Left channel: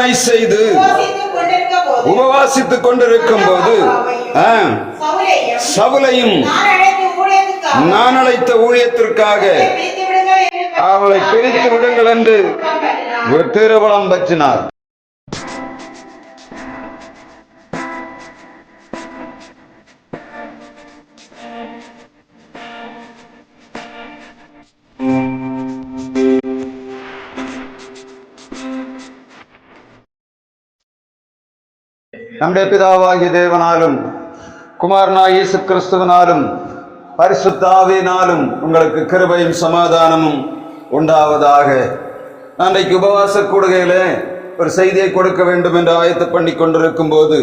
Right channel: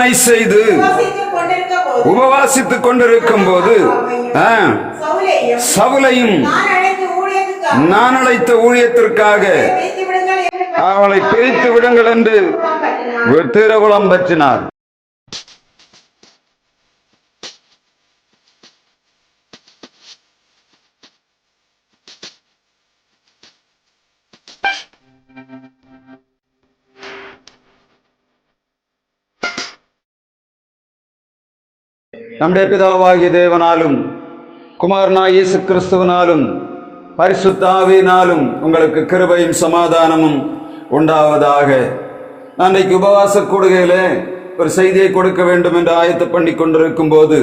ஆராதனை செய்து உபவாசித்துக் கொண்டிருக்கும் போது சவுலையும் நான் அழைத்த ஊழியத்திற்காக அவளை பிரித்து விடுங்கள் என்று திருவலம் பற்றினார். நம்முடைய பிதாவாகிய தேவனாலும் குமாரனாகிய இயேசு கிறிஸ்துவினாலும் பரிசுத்த ஆவியினாலும் உங்களுக்கு கிருபையும் சமாதானமும் உண்டாவதாக. நான் இன்றைக்கு உபவாச கூடுகையிலே ஒரு செய்தியை கொடுக்க வேண்டும் என்று ஆயத்து பண்ணி கொண்டிருக்கும் போது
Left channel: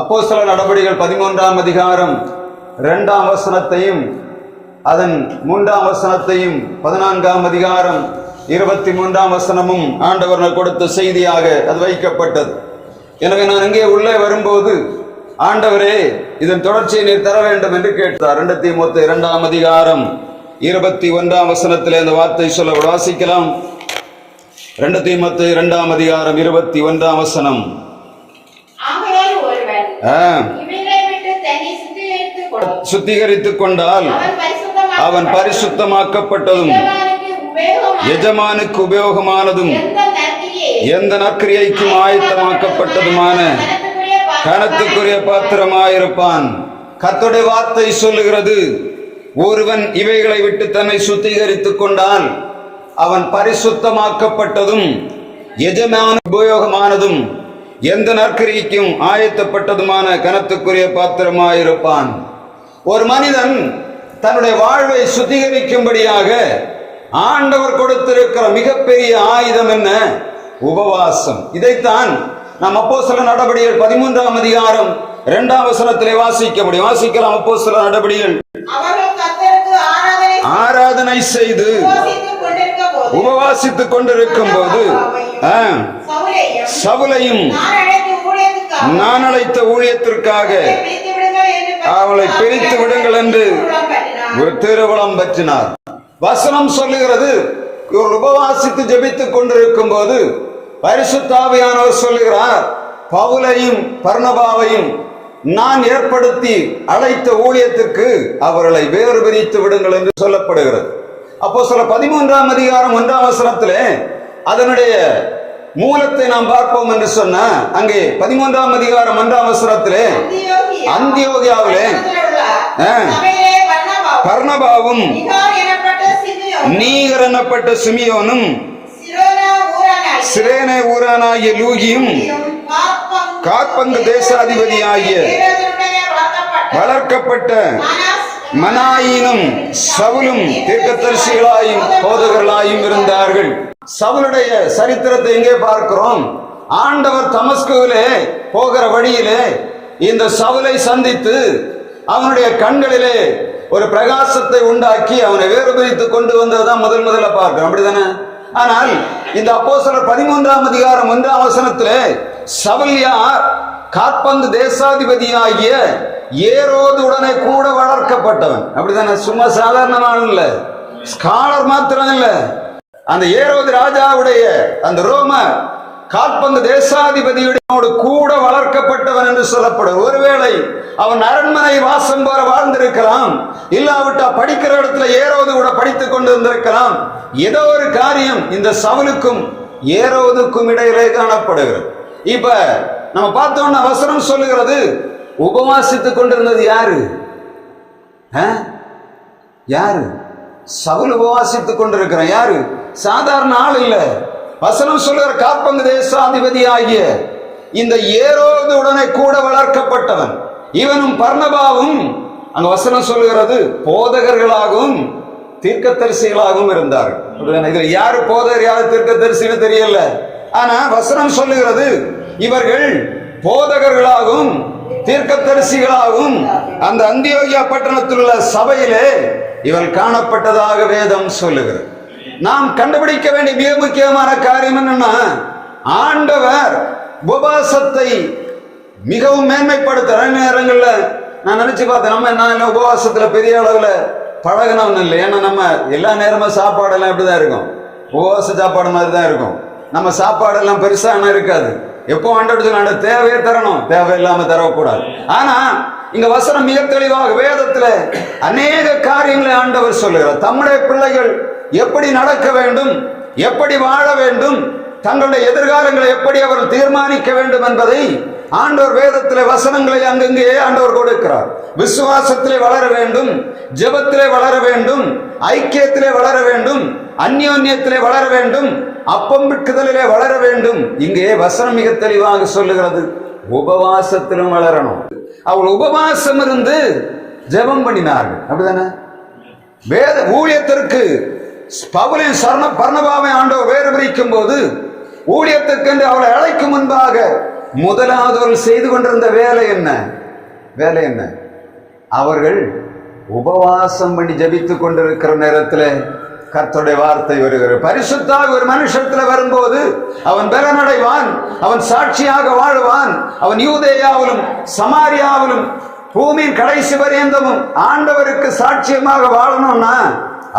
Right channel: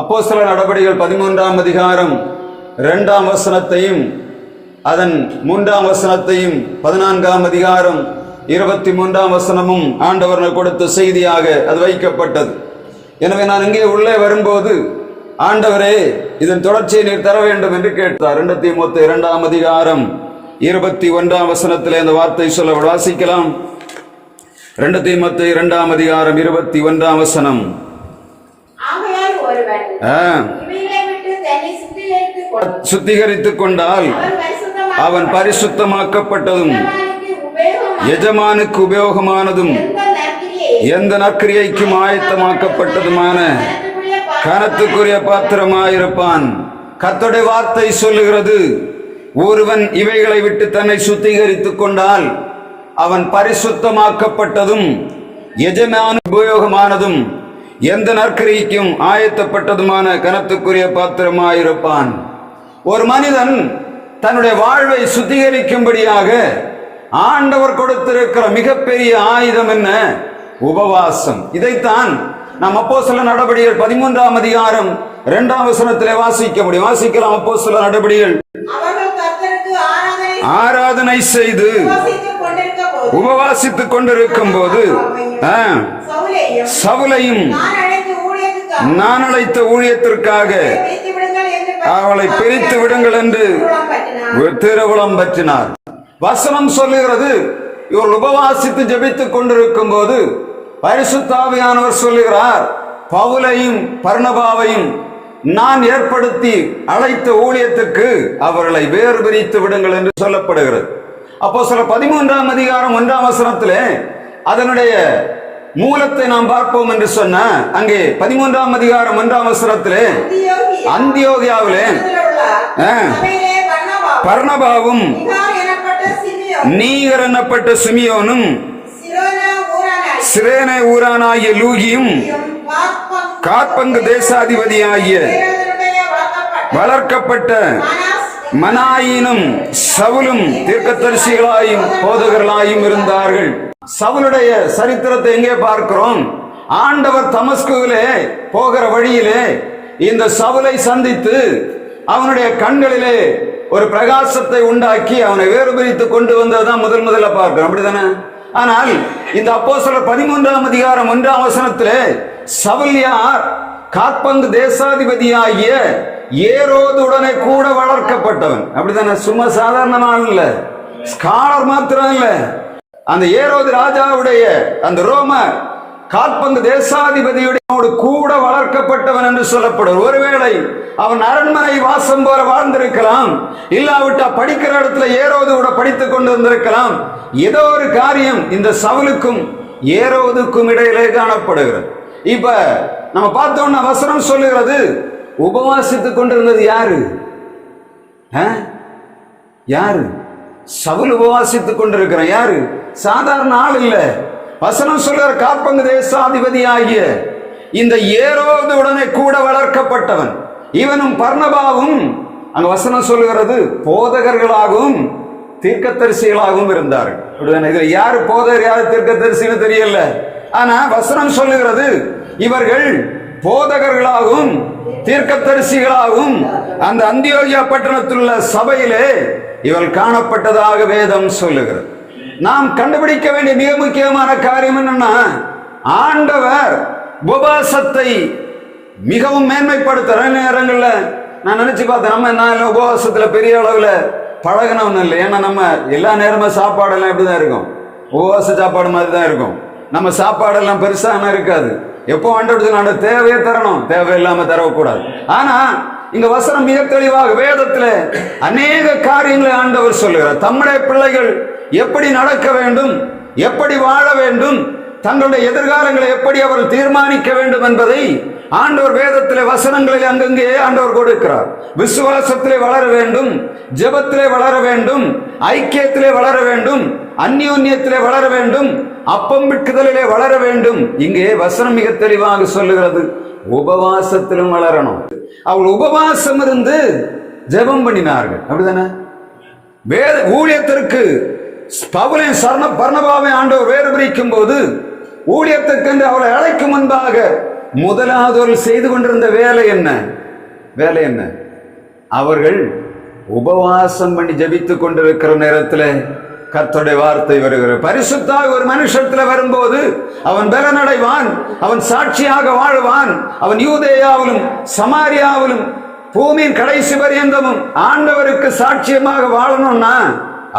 அப்போஸ்தலர் நடபடிகள் 13ஆம் அதிகாரம் 2ஆம் வசனத்தையும் அதன் 3ஆம் வசனத்தையும் 14ஆம் அதிகாரம் 23ஆம் வசனமும் ஆண்டவர் கொடுத்த செய்தியாக அது வைக்கப்பட்டது. எனவே நான் இங்கே உள்ளே வரும்போது ஆண்டவரே இதன் தொடர்ச்சியை நீர் தர வேண்டும் என்று கேட்டார். 2 தீமோத்தேயு 2ஆம் அதிகாரம் 21ஆம் வசனத்திலே இந்த வார்த்தை சொல்ல வாசிக்கலாம். 2 தீமோத்தேயு 2ஆம் அதிகாரம் 21ஆம் வசனம். சுத்திகரித்துக் கொண்டால் அவன் பரிசுத்தமாக்கப்பட்டதும் எஜமானுக்கு உபயோகமானதும் எந்த நற்கிரியைக்கும் ஆயத்தமாக்கப்பட்டதுமான கனத்துக்குரிய பாத்திரமாயிருப்பான். கர்த்தருடைய வார்த்தை சொல்லுகிறது, ஒருவன் இவைகளை விட்டு தன்னை சுத்திகரித்துக் கொண்டால் அவன் பரிசுத்தமாக்கப்பட்டதும் எஜமான உபயோகமானதும் எந்த நற்கிரியைக்கும் ஆயத்தப்பட்டதுமான கனத்துக்குரிய பாத்திரமாயிருப்பான். ஒரு மனிதன் தன்னுடைய வாழ்வை சுத்திகரிக்கும்படியாக ஆண்டவர் கொடுத்திருக்கிற மிகப்பெரிய ஆயுதம் என்ன? உபவாசம். இதைத்தான் நாம் அப்போஸ்தலர் நடபடிகள் 13ஆம் அதிகாரம் 2ஆம் வசனத்திலே வாசிக்க முடியும். வாசிக்கலாம். அப்போஸ்தலர் நடபடிகள் ஆராதனை செய்து உபவாசித்துக் கொண்டிருக்கும் போது சவுலையும் நான் அழைத்த ஊழியத்திற்காக அவளை பிரித்து விடுங்கள் என்று திருவலம் பற்றினார். வசனம் சொல்லுகிறது, இவர்கள் உபவாசித்து ஜெபித்துக் கொண்டிருக்கும் போது பரிசுத்த ஆவியானவர் சொல்லுகிறார், பவுலையும் பர்னபாவையும் நான் ஏற்படுத்தி அழைத்த ஊழியத்துக்கு அவர்களை வேறு பிரித்து விடுங்கள் என்று சொல்லப்படுகிறது. அப்போஸ்தலர் 13ஆம் அதிகாரம் 1ஆம் வசனத்திலே அதனுடைய மூலத்தை நாம் பார்ப்போம் என்று சொன்ன அங்கே 13ஆம் அதிகாரம் 1ஆம் வசனத்திலே அந்தியோகியாவிலே பர்னபாவும் நீகர் எனப்பட்ட சிமியோனும் சிரேனே ஊரானாகிய லூகியும் காற்பங்கு தேசாதிபதியாகிய வளர்க்கப்பட்ட மனாயினும் சவுலும் தீர்க்கதரிசிகளாயும் போதகர்களாயும் இருந்தார்கள். சவுலுடைய சரித்திரத்தை எங்கே பார்க்கிறோம்? ஆண்டவர் தமஸ்குவிலே போகிற வழியிலே இந்த சவுலை சந்தித்து அவனுடைய கண்களிலே ஒரு பிரகாசத்தை உண்டாக்கி அவனை வேறுபிரித்து கொண்டு வந்ததுதான் முதல்ல பார்க்கிறோம். அப்படிதானே? ஆனால் இந்த அப்போஸ்தலர் 13ஆம் அதிகாரம் 1ஆம் வசனத்திலே சவுல் யார்? காற்பங்கு தேசாதிபதியாகிய ஏரோது உடனே கூட வளர்க்கப்பட்டவன். அப்படிதானே? சும்மா சாதாரணமான இல்ல, ஸ்காலர் மாத்திரம் இல்ல, அந்த ஏரோது ராஜாவுடைய அந்த ரோம காற்பங்கு தேசாதிபதியோடு கூட வளர்க்கப்பட்டவன் என்று சொல்லப்படும். ஒருவேளை அவன் அரண்மனை வாசம் போல வாழ்ந்திருக்கலாம், இல்லாவிட்டா படிக்கிற இடத்துல ஏரோது கூட படித்துக் கொண்டு வந்திருக்கலாம். ஏதோ ஒரு காரியம் இந்த சவுலுக்கும் ஏரோதுக்கும் இடையிலே காணப்படுகிறது. இப்ப நம்ம பார்த்தோம்னா வசனம் சொல்லுகிறது, உபவாசித்துக் கொண்டிருந்தது யாரு? யாரு? சவுல் உபவாசித்துக் கொண்டிருக்கிறான். யாரு? சாதாரண ஆள் இல்ல. வசனம் சொல்லுகிற காற்பங்கு தேசாதிபதி ஆகிய இந்த ஏரோது உடனே கூட வளர்க்கப்பட்டவன். இவனும் பர்னபாவும் அங்க வசனம் சொல்லுகிறது போதகர்களாகவும் தீர்க்கதரிசிகளாகவும் இருந்தார்கள். இதுல யாரு போதகர் யாரு தீர்க்கதரிசின்னு தெரியல. ஆனா வசனம் சொல்லுகிறது இவர்கள் போதகர்களாகவும் தீர்க்கதரிசிகளாகவும் அந்த அந்தியோகியா பட்டணத்தில் உள்ள சபையிலே இவர்கள் காணப்பட்டதாக வேதம் சொல்லுகிறது. நாம் கண்டுபிடிக்க வேண்டிய மிக முக்கியமான காரியம் என்னன்னா, ஆண்டவர் உபவாசத்தை மிகவும் மேன்மைப்படுத்துற நேரங்கள்ல நான் நினைச்சு பார்த்தேன், நம்ம என்ன உபவாசத்துல பெரிய அளவுல பழகினவன் இல்லை. ஏன்னா நம்ம எல்லா நேரமும் சாப்பாடெல்லாம் எப்படிதான் இருக்கும், உபவாச சாப்பாடு மாதிரி தான் இருக்கும். நம்ம சாப்பாடெல்லாம் பெருசாக இருக்காது. எப்போ ஆண்டவருக்கு தேவையே தரணும், தேவையில்லாம தரக்கூடாது. ஆனா இங்க வசனம் மிக தெளிவாக வேதத்துல அநேக காரியங்களை ஆண்டவர் சொல்லுகிறார். தம்முடைய பிள்ளைகள் எப்படி நடக்க வேண்டும், எப்படி வாழ வேண்டும், தங்களுடைய எதிர்காலங்களை எப்படி அவர் தீர்மானிக்க வேண்டும் என்பதை ஆண்டவர் வேதத்திலே வசனங்களை அங்கங்கே ஆண்டவர் கொடுக்கிறார். விசுவாசத்திலே வளர வேண்டும், ஜெபத்திலே வளர வேண்டும், ஐக்கியத்திலே வளர வேண்டும், அந்யோன்யத்திலே வளர வேண்டும், அப்பம் விற்குதலிலே வளர வேண்டும். இங்கே வசனம் மிக தெளிவாக சொல்லுகிறது, உபவாசத்திலும் வளரணும். அவள் உபவாசம் இருந்து ஜெபம் பண்ணினார்கள். அப்படிதானே? வேத ஊழியத்திற்கு பவுலையும் பர்னபாவை ஆண்டவர் வேறு பிரிக்கும் போது ஊழியத்திற்கு அவளை அழைக்கும் முன்பாக முதலாவது செய்து கொண்டிருந்த வேலை என்ன? வேலை என்ன? அவர்கள் உபவாசம் பண்ணி ஜபித்துக் கொண்டிருக்கிற நேரத்தில் கர்த்தருடைய வார்த்தை வருகிறது. பரிசுத்தாக ஒரு மனுஷத்துல வரும்போது அவன் பலனடைவான், அவன் சாட்சியாக வாழ்வான். அவன் யூதேயாவிலும் சமாரியாவிலும் பூமியின் கடைசி பரியந்தமும் ஆண்டவருக்கு சாட்சியமாக வாழணும்னா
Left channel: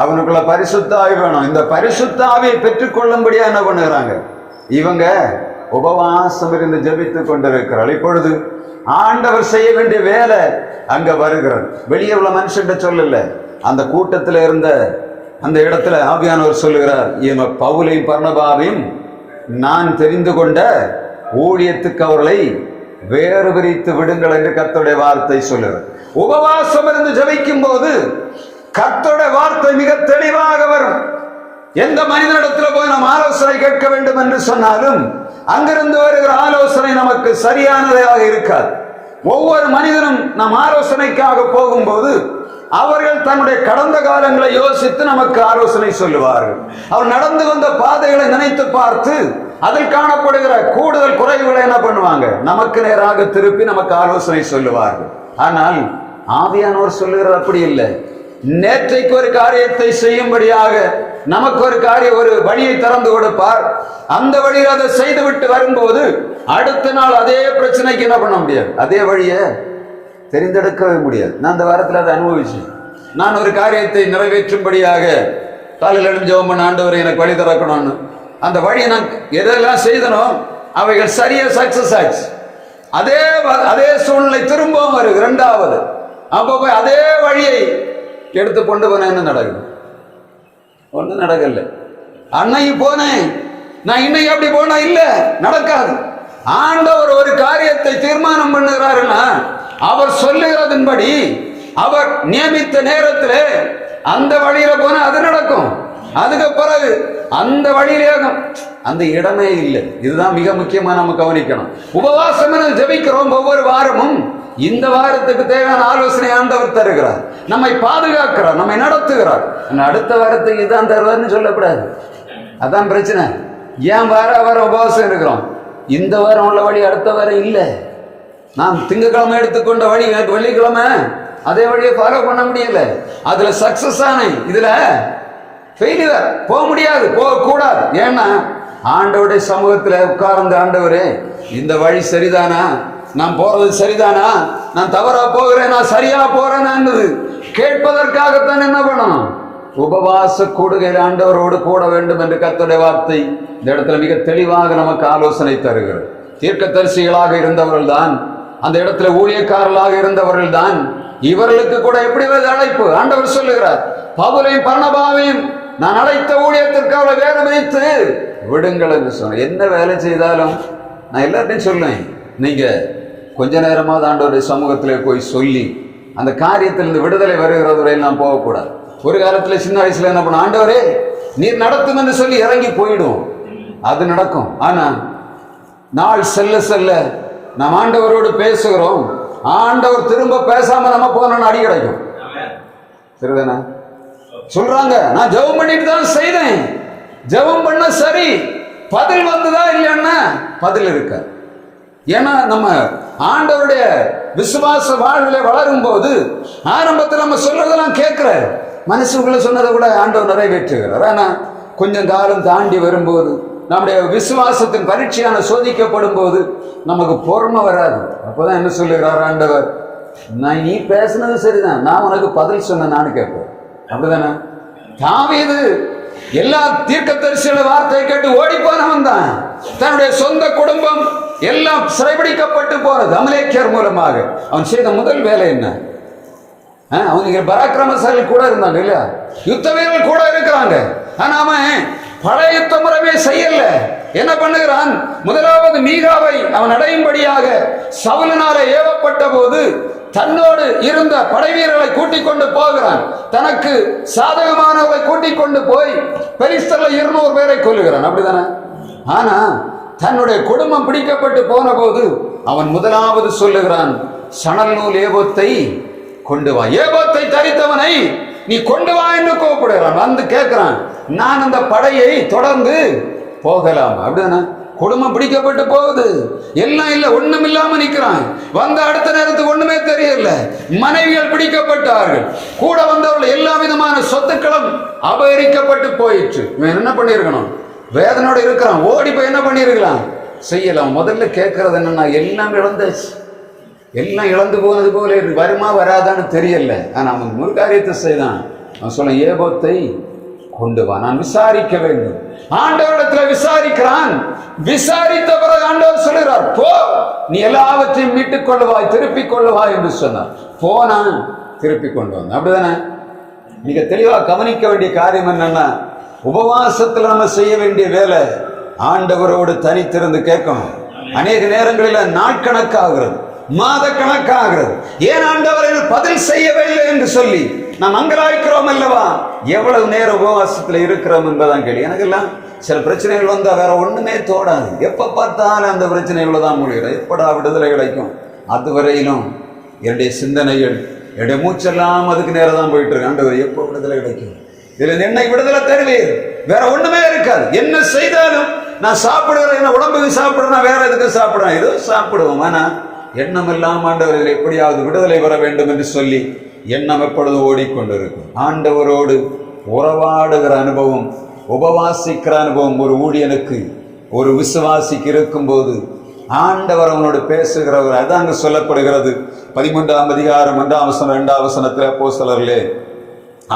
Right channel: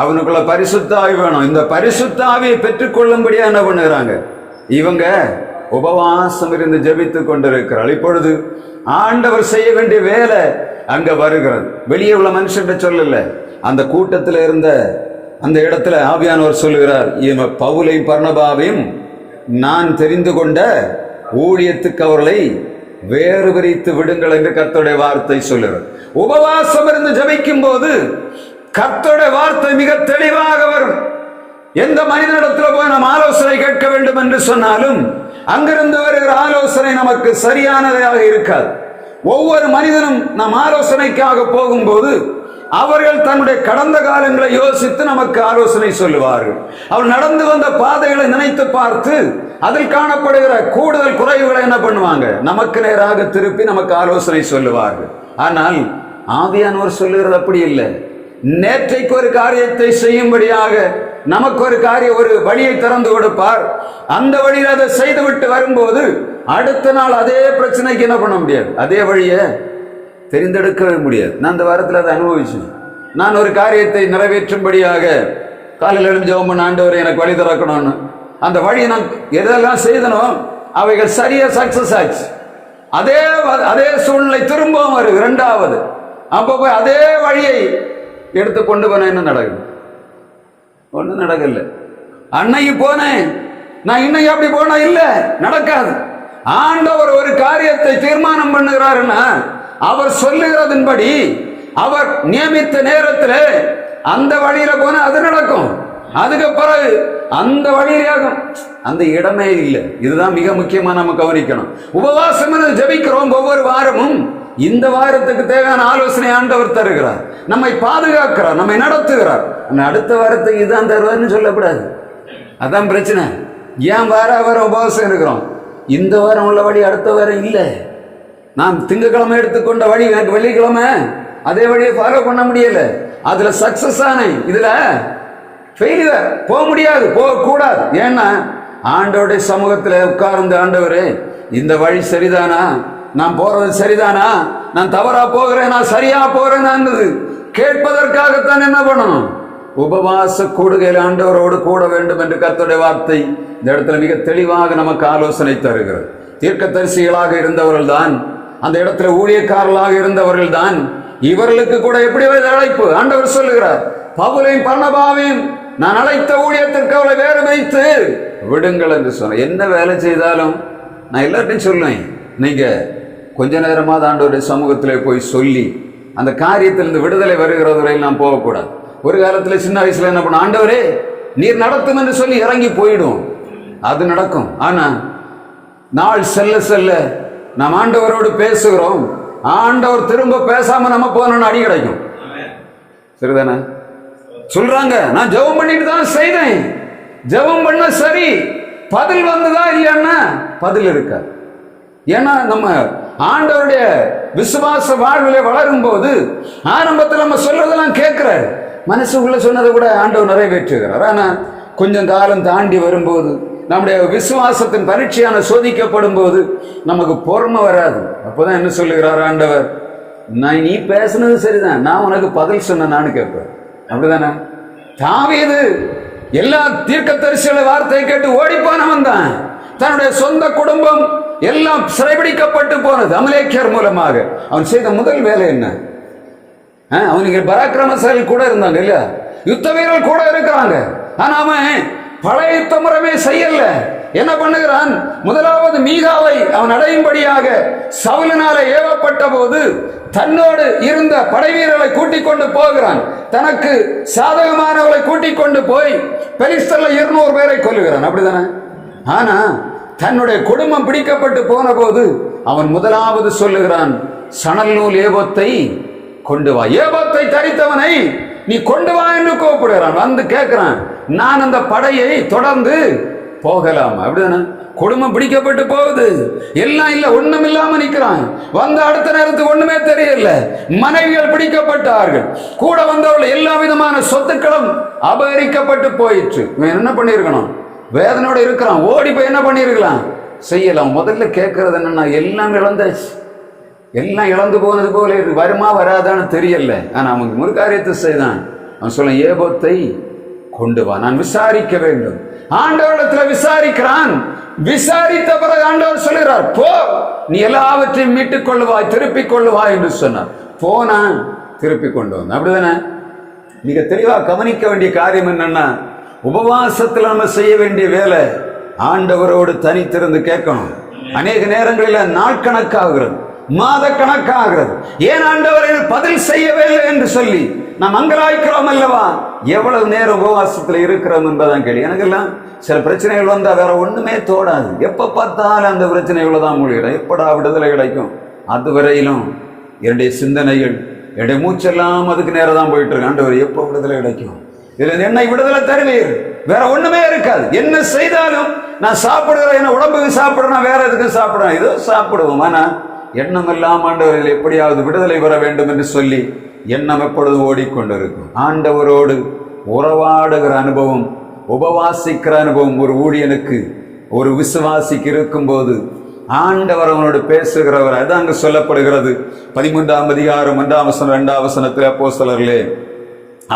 அவனுக்குள்ள பரிசுத்தாவி வேணும். இந்த பரிசுத்தாவியை பெற்றுக்கொள்ளும்படியா என்ன பண்ணுகிறாங்க? இவங்க உபவாசம் இருந்து ஜெபித்துக் கொண்டிருக்கிறார். இப்பொழுது ஆண்டவர் செய்ய வேண்டிய வேலை அங்க வருகிறது. வெளியே உள்ள மனுஷன் சொல்லல, அந்த கூட்டத்தில் இருந்த அந்த இடத்துல ஆவியானவர் சொல்லுகிறார், பவுலையும் பர்னபாவையும் நான் தெரிந்து கொண்ட ஊழியத்துக்கு அவர்களை வேறு பிரித்து விடுங்கள் என்று கர்த்தருடைய வார்த்தை சொல்லுகிறார். உபவாசம் இருந்து ஜெபிக்கும் போது கர்த்தருடைய வார்த்தை மிக தெளிவாக வரும். எந்த மனிதனிடத்தில் போய் நாம் ஆலோசனை கேட்க வேண்டும் என்று சொன்னாலும் அங்கிருந்து வருகிற ஆலோசனை நமக்கு சரியானதாக இருக்காது. ஒவ்வொரு மனிதனும் நாம் ஆலோசனைக்காக போகும்போது அவர்கள் தன்னுடைய கடந்த காலங்களை யோசித்து நமக்கு ஆலோசனை சொல்லுவார்கள். அவர் நடந்து வந்த பாதைகளை நினைத்து பார்த்து அதில் காணப்படுகிற கூடுதல் குறைவுகளை என்ன பண்ணுவாங்க? நமக்கு நேராக திருப்பி நமக்கு ஆலோசனை சொல்லுவார்கள். ஆனால் ஆவியானவர் சொல்லுகிறது அப்படி இல்லை. நேற்றைக்கு ஒரு காரியத்தை செய்யும்படியாக நமக்கு ஒரு வழியை திறந்து கொடுப்பார். அந்த வழியில் அதை செய்துவிட்டு வரும்போது அடுத்த நாள் அதே பிரச்சனைக்கு என்ன பண்ண முடியாது, அதே வழியை தெரிந்தெடுக்கவே முடியாது. நான் அந்த வாரத்தில் அதை அனுபவிச்சேன். நான் ஒரு காரியத்தை நிறைவேற்றும்படியாக காலையில் எழுந்து ஜெபம் பண்ண, ஆண்டவரை எனக்கு வழி திறக்கணும்னு அந்த வழியை நான் எதெல்லாம் செய்தனோ அவைகள் சரியா சக்சஸ் ஆச்சு. அதே சூழ்நிலை திரும்பவும் வருது இரண்டாவது. அப்போ போய் அதே வழியை எடுத்து கொண்டு போன என்ன நடக்குது? ஒன்றும் நடக்கல. அன்னைக்கு போனேன், நான் இன்னைக்கு அப்படி போனா இல்ல, நடக்காது. ஆண்டவர் ஒரு காரியத்தை தீர்மானம் பண்ணுகிறாருன்னா அவர் சொல்லுகிறதன்படி அவர் நியமித்த நேரத்தில் அந்த வழியில போனா அது நடக்கும். அதுக்கு பிறகு அந்த வழியிலேயாகும், அந்த இடமே இல்லை. இதுதான் மிக முக்கியமா நம்ம கவனிக்கணும். உபவாசம் ஜெபிக்கிறோம் ஒவ்வொரு வாரமும். இந்த வாரத்துக்கு தேவையான ஆலோசனை ஆண்டவர் தருகிறார், நம்மை பாதுகாக்கிறார், நம்மை நடத்துகிறார். அடுத்த வாரத்துக்கு இதுதான் தருவார்னு சொல்லக்கூடாது. அதான் பிரச்சனை. ஏன் வாரம் உபவாசம் இருக்கிறோம்? இந்த வாரம் உள்ள வழி அடுத்த வாரம் இல்லை. நான் திங்கக்கிழமை எடுத்துக்கொண்ட வழி எனக்கு வெள்ளிக்கிழமை அதே வழியை ஃபாலோ பண்ண முடியல. அதுல சக்சஸ் ஆனேன், இதுல ஃபெயிலியர் போக முடியாது, போகக்கூடாது. ஏன்னா ஆண்டவருடைய சமூகத்தில் உட்கார்ந்து, ஆண்டவரே இந்த வழி சரிதானா, நான் போறது சரிதானா, நான் தவறா போகிறேன், நான் சரியா போறேன் கேட்பதற்காகத்தான் என்ன பண்ணணும்? உபவாச கூடுகையில் ஆண்டவரோடு கூட வேண்டும் என்று கர்த்தருடைய வார்த்தை இந்த இடத்துல மிக தெளிவாக நமக்கு ஆலோசனை தருகிறது. தீர்க்கதரிசிகளாக இருந்தவர்கள் தான், அந்த இடத்துல ஊழியக்காரர்களாக இருந்தவர்கள் தான். இவர்களுக்கு கூட எப்படி அழைப்பு ஆண்டவர் சொல்லுகிறார், பவுலையும் பர்னபாவையும் நான் அழைத்த ஊழியத்திற்கு அவளை வேறு வைத்து விடுங்கள் என்று சொன்ன. என்ன வேலை செய்தாலும் நான் எல்லார்ட்டையும் சொல்லுவேன், நீங்க கொஞ்ச நேரமாவது ஆண்டவருடைய சமூகத்திலே போய் சொல்லி அந்த காரியத்திலிருந்து விடுதலை வருகிறது வரையில் நாம் போகக்கூடாது. ஒரு காலத்தில் சின்ன வயசுல என்ன பண்ண, ஆண்டவரே நீர் நடத்தும் என்று சொல்லி இறங்கி போயிடும், அது நடக்கும். ஆனா நாள் செல்ல செல்ல நாம் ஆண்டவரோடு பேசுகிறோம், ஆண்டவர் திரும்ப பேசாம நம்ம போனோம்னு அடி கிடைக்கும். சரிதானே? சொல்றாங்க, நான் ஜெபம் பண்ணிட்டு தான் செய்தேன், ஜெபம் பண்ண சரி, பதில் வந்ததா இல்லைன்னா பதில் இருக்காது. ஏன்னா நம்ம ஆண்டவருடைய விசுவாச வாழ்விலே வளரும் போது ஆரம்பத்தில் நம்ம சொல்றதெல்லாம் கேட்கிற மனசுக்குள்ள சொன்னதை கூட ஆண்டவர் நிறைவேற்றுகிறார். ஆனா கொஞ்சம் காலம் தாண்டி வரும்போது நம்முடைய விசுவாசத்தின் பரீட்சையான சோதிக்கப்படும் போது நமக்கு பொறுமை வராது. அப்போதான் என்ன சொல்லுகிறார் ஆண்டவர், நான் நீ பேசுனது சரிதான், நான் உனக்கு பதில் சொன்ன நான் கேட்பேன். அப்படிதானே? தாவீது எல்லா தீர்க்கதரிசியோட வார்த்தையை கேட்டு ஓடி போனவன் தான். தன்னுடைய சொந்த குடும்பம் எல்லாம் சிறைபிடிக்கப்பட்டு போனது அமலேக்கியர் மூலமாக. அவன் செய்த முதல் வேலை என்ன? அவனுக்கு பராக்கிரமசாலிகள் கூட இருந்தாங்க இல்ல, யுத்த வீரர்கள் கூட இருக்கிறாங்க. ஆனா அவன் பழைய யுத்த முறைமே செய்யல. என்ன பண்ணுகிறான்? முதலாவது மீகாவை அவன் அடையும்படியாக சவுலினால ஏவப்பட்ட போது தன்னோடு இருந்த படை வீரர்களை கூட்டிக் கொண்டு போகிறான். தனக்கு சாதகமானவர்களை கூட்டிக் கொண்டு போய் பெலிஸ்தர்ல 200 பேரை கொல்லுகிறான். அப்படிதானே? ஆனா தன்னுடைய குடும்பம் பிடிக்கப்பட்டு போன போது அவன் முதலாவது சொல்லுகிறான், சணல் நூல் ஏபோத்தை கொண்டு வா. ஏபோத்தை தரித்தவனை நீ கொண்டு வா என்று கூப்பிடுகிறான். வந்து கேட்கிறான், நான் அந்த படையை தொடர்ந்து போகலாம். அப்படிதானே? குடும்பம் பிடிக்கப்பட்டு போகுது, எல்லாம் இல்ல, ஒண்ணும் இல்லாம நிக்கிறான். வந்த அடுத்த நேரத்துக்கு ஒண்ணுமே தெரியல. மனைவிகள் பிடிக்கப்பட்டார்கள், கூட வந்தவர்கள் எல்லா விதமான சொத்துக்களும் அபகரிக்கப்பட்டு போயிற்று. என்ன பண்ணிருக்கணும்? வேதனோட இருக்கிறான். ஓடி போய் என்ன பண்ணிருக்கலாம்? செய்யலாம். முதல்ல கேட்கறது என்னன்னா, எல்லாம் இழந்தாச்சு, எல்லாம் இழந்து போனது போல வருமா வராதான்னு தெரியல. ஆனா அவன் ஒரு காரியத்தை செய்தான். அவன் சொல்ல, ஏபோத்தை கொண்டு வா, நான் விசாரிக்க வேண்டும். ஆண்டவரிடத்துல விசாரிக்கிறான். விசாரித்த பிறகு ஆண்டவர் சொல்கிறார், போ, நீ எல்லாவற்றையும் மீட்டுக் கொள்ளுவாய், திருப்பிக் கொள்ளுவாய் என்று சொன்னார். போனா திருப்பி கொண்டு வந்தான். அப்படிதானே? மிக தெளிவா கவனிக்க வேண்டிய காரியம் என்னன்னா, உபவாசத்தில் நம்ம செய்ய வேண்டிய வேலை ஆண்டவரோடு தனித்திருந்து கேட்கணும். அநேக நேரங்களில் நாட்கணக்காகிறது, மாத கணக்காகிறது. ஏன் ஆண்டவரை பதில் செய்யவில்லை என்று சொல்லி நாம் அங்கலாய்க்கிறோம் அல்லவா? எவ்வளவு நேரம் உபவாசத்தில் இருக்கிறோம் என்பதான் கேள்வி. எனக்கெல்லாம் சில பிரச்சனைகள் வந்தா வேற ஒண்ணுமே தோடாது. எப்ப பார்த்தாலும் அந்த பிரச்சனைகளை தான் மூழ்கிறோம். எப்படா விடுதலை கிடைக்கும்? அதுவரையிலும் என்னுடைய சிந்தனைகள், என்னுடைய மூச்செல்லாம் அதுக்கு நேரம் தான் போயிட்டு இருக்கு. ஆண்டவர் எப்போ விடுதலை கிடைக்கும்? இதுல என்னை விடுதலை தருவீர், வேற ஒண்ணுமே இருக்காது. என்ன செய்தாலும் நான் சாப்பிடுறேன், என்ன உடம்புக்கு சாப்பிடுறேன், வேற எதுக்கு சாப்பிடுறேன்? ஏதோ சாப்பிடுவோம். ஆனா எண்ணம் எல்லாம் ஆண்டவர்கள் எப்படியாவது விடுதலை வர வேண்டும் என்று சொல்லி எண்ணம் எப்பொழுது ஓடிக்கொண்டிருக்கும். ஆண்டவரோடு உறவாடுகிற அனுபவம், உபவாசிக்கிற அனுபவம் ஒரு ஊழியனுக்கு, ஒரு விசுவாசிக்கு இருக்கும் போது ஆண்டவர் அவனோடு பேசுகிறவர். அது அங்கு சொல்லப்படுகிறது. 13ஆம் அதிகாரம் 1ஆம் வசனம் 2ஆம் வசனத்தில் அப்போஸ்தலர்களே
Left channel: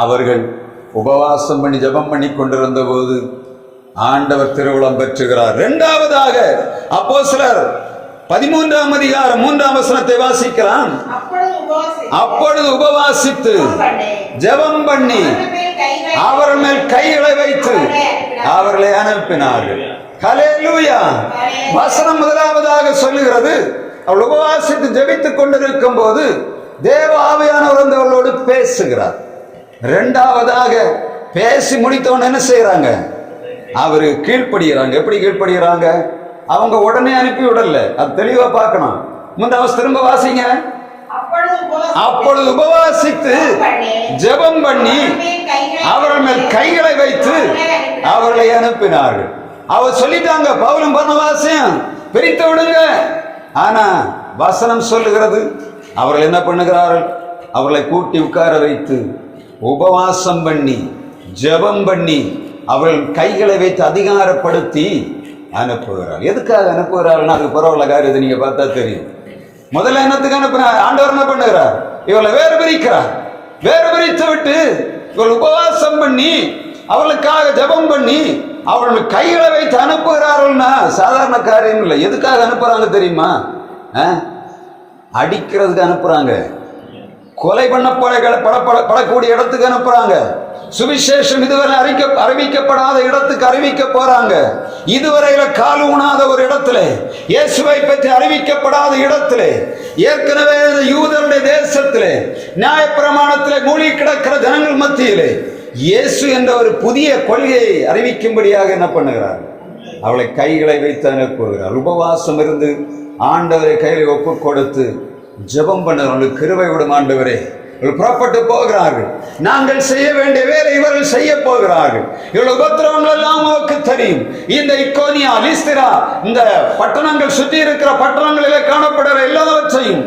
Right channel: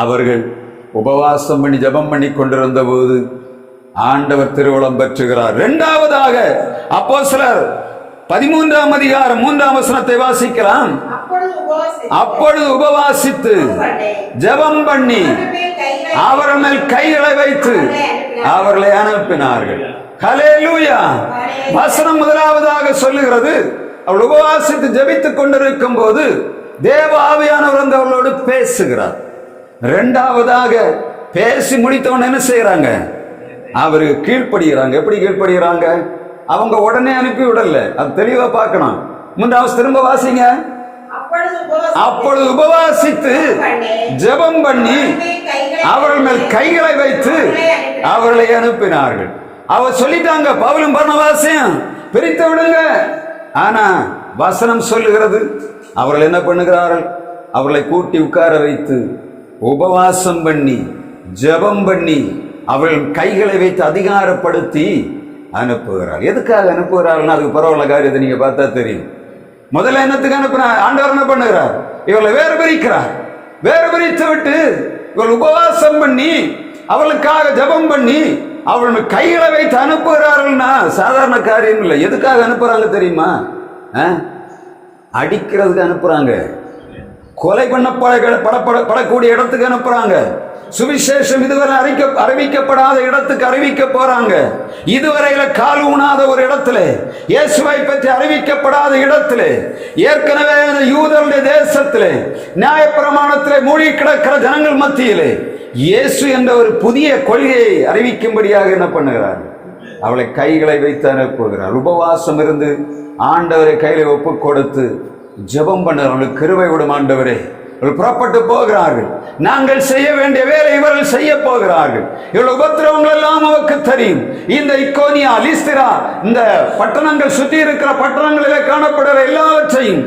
அவர்கள் உபவாசம் பண்ணி ஜெபம் பண்ணி கொண்டிருந்த போது ஆண்டவர் திருவுளம் பெற்றுகிறார். இரண்டாவதாக அப்போஸ்தலர் 13ஆம் அதிகாரம் 3ஆம் வசனத்தை வாசிக்கிறான். அப்பொழுது உபவாசித்து ஜெபம் பண்ணி அவர்கள் மேல் கைகளை வைத்து அவர்களை அனுப்பினார்கள். ஹல்லேலூயா! வசனம் முதலாவதாக சொல்லுகிறது, அவள் உபவாசித்து ஜெபித்துக் கொண்டிருக்கும் போது தேவ ஆவியானவர் வந்து அவர்களோடு பேசுகிறார். இரண்டாவதாக பேசி முடித்தவன் என்ன செய்யறாங்க? அவருக்கு கீழ்ப்படுகிறாங்க. எப்படி கீழ்ப்படுகிறாங்க? அவங்க உடனே அனுப்பி விடல. அது தெளிவா பார்க்கணும். 3ஆவது திரும்ப வாசிங்க. அப்பொழுது உபவாசித்து ஜெபம் பண்ணி அவர்கள் மேல் கைகளை வைத்து அவர்களை அனுப்பினார்கள். அவர் சொல்லிட்டாங்க, பவுலும் பர்னபாசையும் பிரித்து விடுங்க. ஆனா வசனம் சொல்லுகிறது, அவர்கள் என்ன பண்ணுகிறார்கள்? அவர்களை கூட்டி உட்கார வைத்து உபவாசம் பண்ணி ஜெபம் பண்ணி அவர்கள் கைகளை வைத்து அதிகாரப்படுத்தி அனுப்புகிறார். எதுக்காக அனுப்புகிறார்கள்? அதுக்கு பரவாயில்ல காரியத்தை நீங்க பார்த்தா தெரியும். முதல்ல என்னத்துக்கு அனுப்புறார்? ஆண்டவர் என்ன பண்ணுகிறார்? இவர்களை வேறு பிரிக்கிறார். வேறு பிரித்து விட்டு இவர்கள் உபவாசம் பண்ணி அவர்களுக்காக ஜெபம் பண்ணி அவர்கள் கைகளை வைத்து அனுப்புகிறார்கள்னா சாதாரண காரியம் இல்லை. எதுக்காக அனுப்புறாங்க தெரியுமா? அடிக்கிறதுக்கு அனுப்புறாங்க, கொலை பண்ணப்படக்கூடிய இடத்துக்கு அனுப்புறாங்க, சுவிசேஷம் இதுவரை அறிவிக்கப்படாத இடத்துக்கு அறிவிக்க போறாங்க, இதுவரையில கால் ஊனாத ஒரு இடத்துல, இயேசுவை பற்றி அறிவிக்கப்படாத இடத்துல, ஏற்கனவே யூதருடைய தேசத்திலே நியாயப்பிரமாணத்திலே மூழ்கி கிடக்கிற ஜனங்கள் மத்தியிலே இயேசு என்ற ஒரு புதிய கொள்கையை அறிவிக்கும்படியாக என்ன பண்ணுகிறார்? அவளை கைகளை வைத்து அனுப்புகிறார். உபவாசம் இருந்து ஆண்டவரை கையில ஒப்பு கொடுத்து ஜெபம் பண்ணவர்களுக்கு கிருபை விடும் ஆண்டவரே. புறப்பட்டு போகிறார்கள். நாங்கள் செய்ய வேண்டிய வேலை இவர்கள் செய்ய போகிறார்கள். இவர்கள் உபத்திரவங்கள் எல்லாம் நமக்கு தெரியும். இந்த இக்கோனியா, லிஸ்திரா, இந்த பட்டணங்கள் சுற்றி இருக்கிற பட்டணங்களிலே காணப்படுற எல்லாவற்றையும்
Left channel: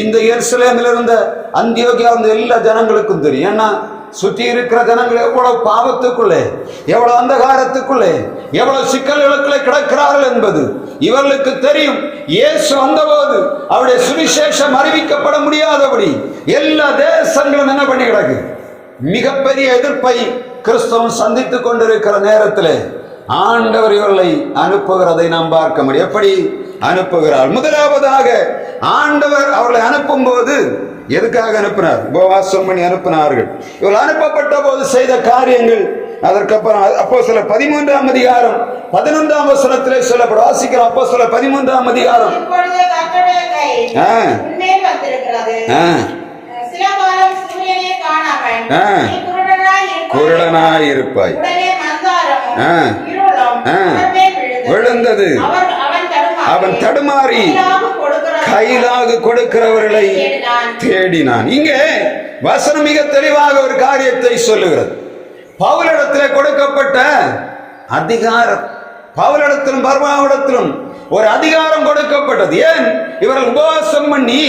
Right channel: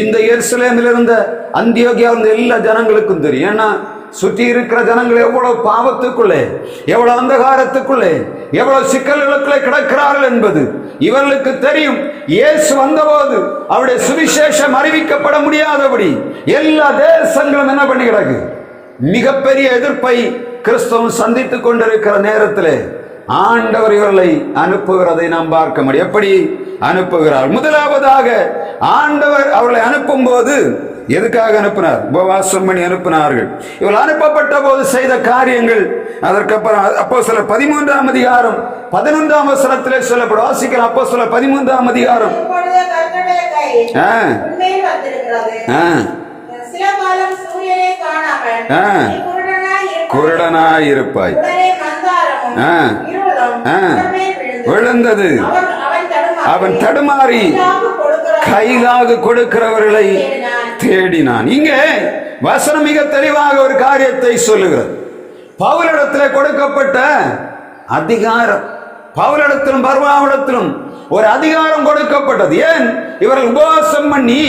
இந்த எருசலேமில் இருந்த அந்தியோகியா இருந்த எல்லா ஜனங்களுக்கும் தெரியும். ஏன்னா சுற்றி இருக்கிற ஜனங்கள் எவ்வளவு பாவத்துக்குள்ளே, எவ்வளவு அந்தகாரத்துக்குள்ளே, எவ்வளவு சிக்கல்களுக்குள்ளே கிடக்கிறார்கள் என்பது இவர்களுக்கு தெரியும். இயேசு வந்தபோது அவருடைய சுவிசேஷம் அறிவிக்கப்பட முடியாதபடி எல்லா தேசங்களும் என்ன பண்ணி கிடக்கு? மிகப்பெரிய எதிர்ப்பை கிறிஸ்தவம் சந்தித்துக் கொண்டிருக்கிற நேரத்தில் ஆண்டவர் இவர்களை அனுப்புகிறதை நாம் பார்க்க முடியும். எப்படி அனுப்புகிறார்? முதலாவதாக ஆண்டவர் அவர்களை அனுப்பும் போது எதுக்காக அனுப்பினார்? உபவாசம் பண்ணி அனுப்பினார்கள். இவர்கள் அனுப்பப்பட்ட போது செய்த காரியங்கள் அதற்கப்புறம் அப்போஸ்தலர் 13ஆம் அதிகாரம் 11ஆம் வசனத்திலே சொல்லப்படும். வாசிக்கிற அப்போஸ்தலர் 13ஆம் அதிகாரம். குருடனாய் இருப்பாய், விழுந்தது, அவன் தடுமாறி கையிலாக கொடுக்கிறவர்களை தேடினான். இங்கே வசனம் மிக தெளிவாக ஒரு காரியத்தை சொல்லுகிறது. பவுலிடத்தில் கொடுக்கப்பட்ட அதிகாரம், பவுலிடத்திலும் பர்னாபாவிடத்திலும் ஒரு அதிகாரம் கொடுக்கப்பட்டது. ஏன்? இவர்கள் உபவாசம் பண்ணி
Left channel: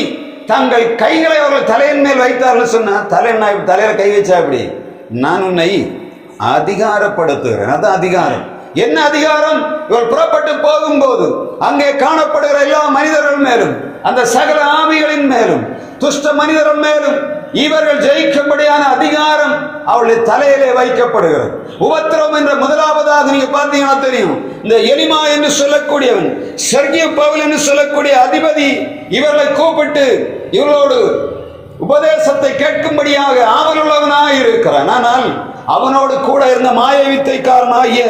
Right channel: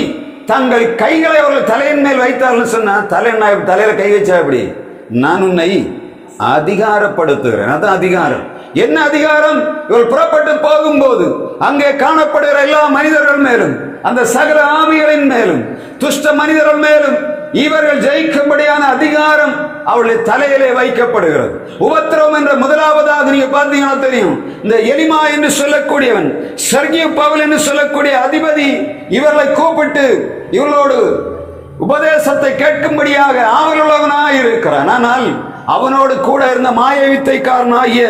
தங்கள் கைகளை அவர்கள் தலையின் மேல் வைத்தார்கள். சொன்னா தலையில கை வச்சா அப்படி நான் உன்னை அதிகாரப்படுத்துகிறேன். அதான் அதிகாரம். என்ன அதிகாரம்? இவர் புறப்பட்டு போகும்போது அங்கே காணப்படுகிற எல்லா மனிதர்கள் மேலும், அந்த சகல ஆவிகளின் மேலும், துஷ்ட மனிதர்கள் மேலும் இவர்கள் ஜெயிக்கும்படியான அதிகாரம் அவருடைய தலையிலே வைக்கப்படுகிறது. உபத்திரவம் என்ற முதலாவதாக நீங்க பார்த்தீங்கன்னா தெரியும். இந்த எலிமா என்று சொல்லக்கூடியவன், சர்கிய பவுல் என்று சொல்லக்கூடிய அதிபதி இவர்களை கூப்பிட்டு இவர்களோடு உபதேசத்தை கேட்கும்படியாக ஆவலுள்ளவனாக இருக்கிறான். ஆனால் அவனோடு கூட இருந்த மாயவித்தைக்காரனாகிய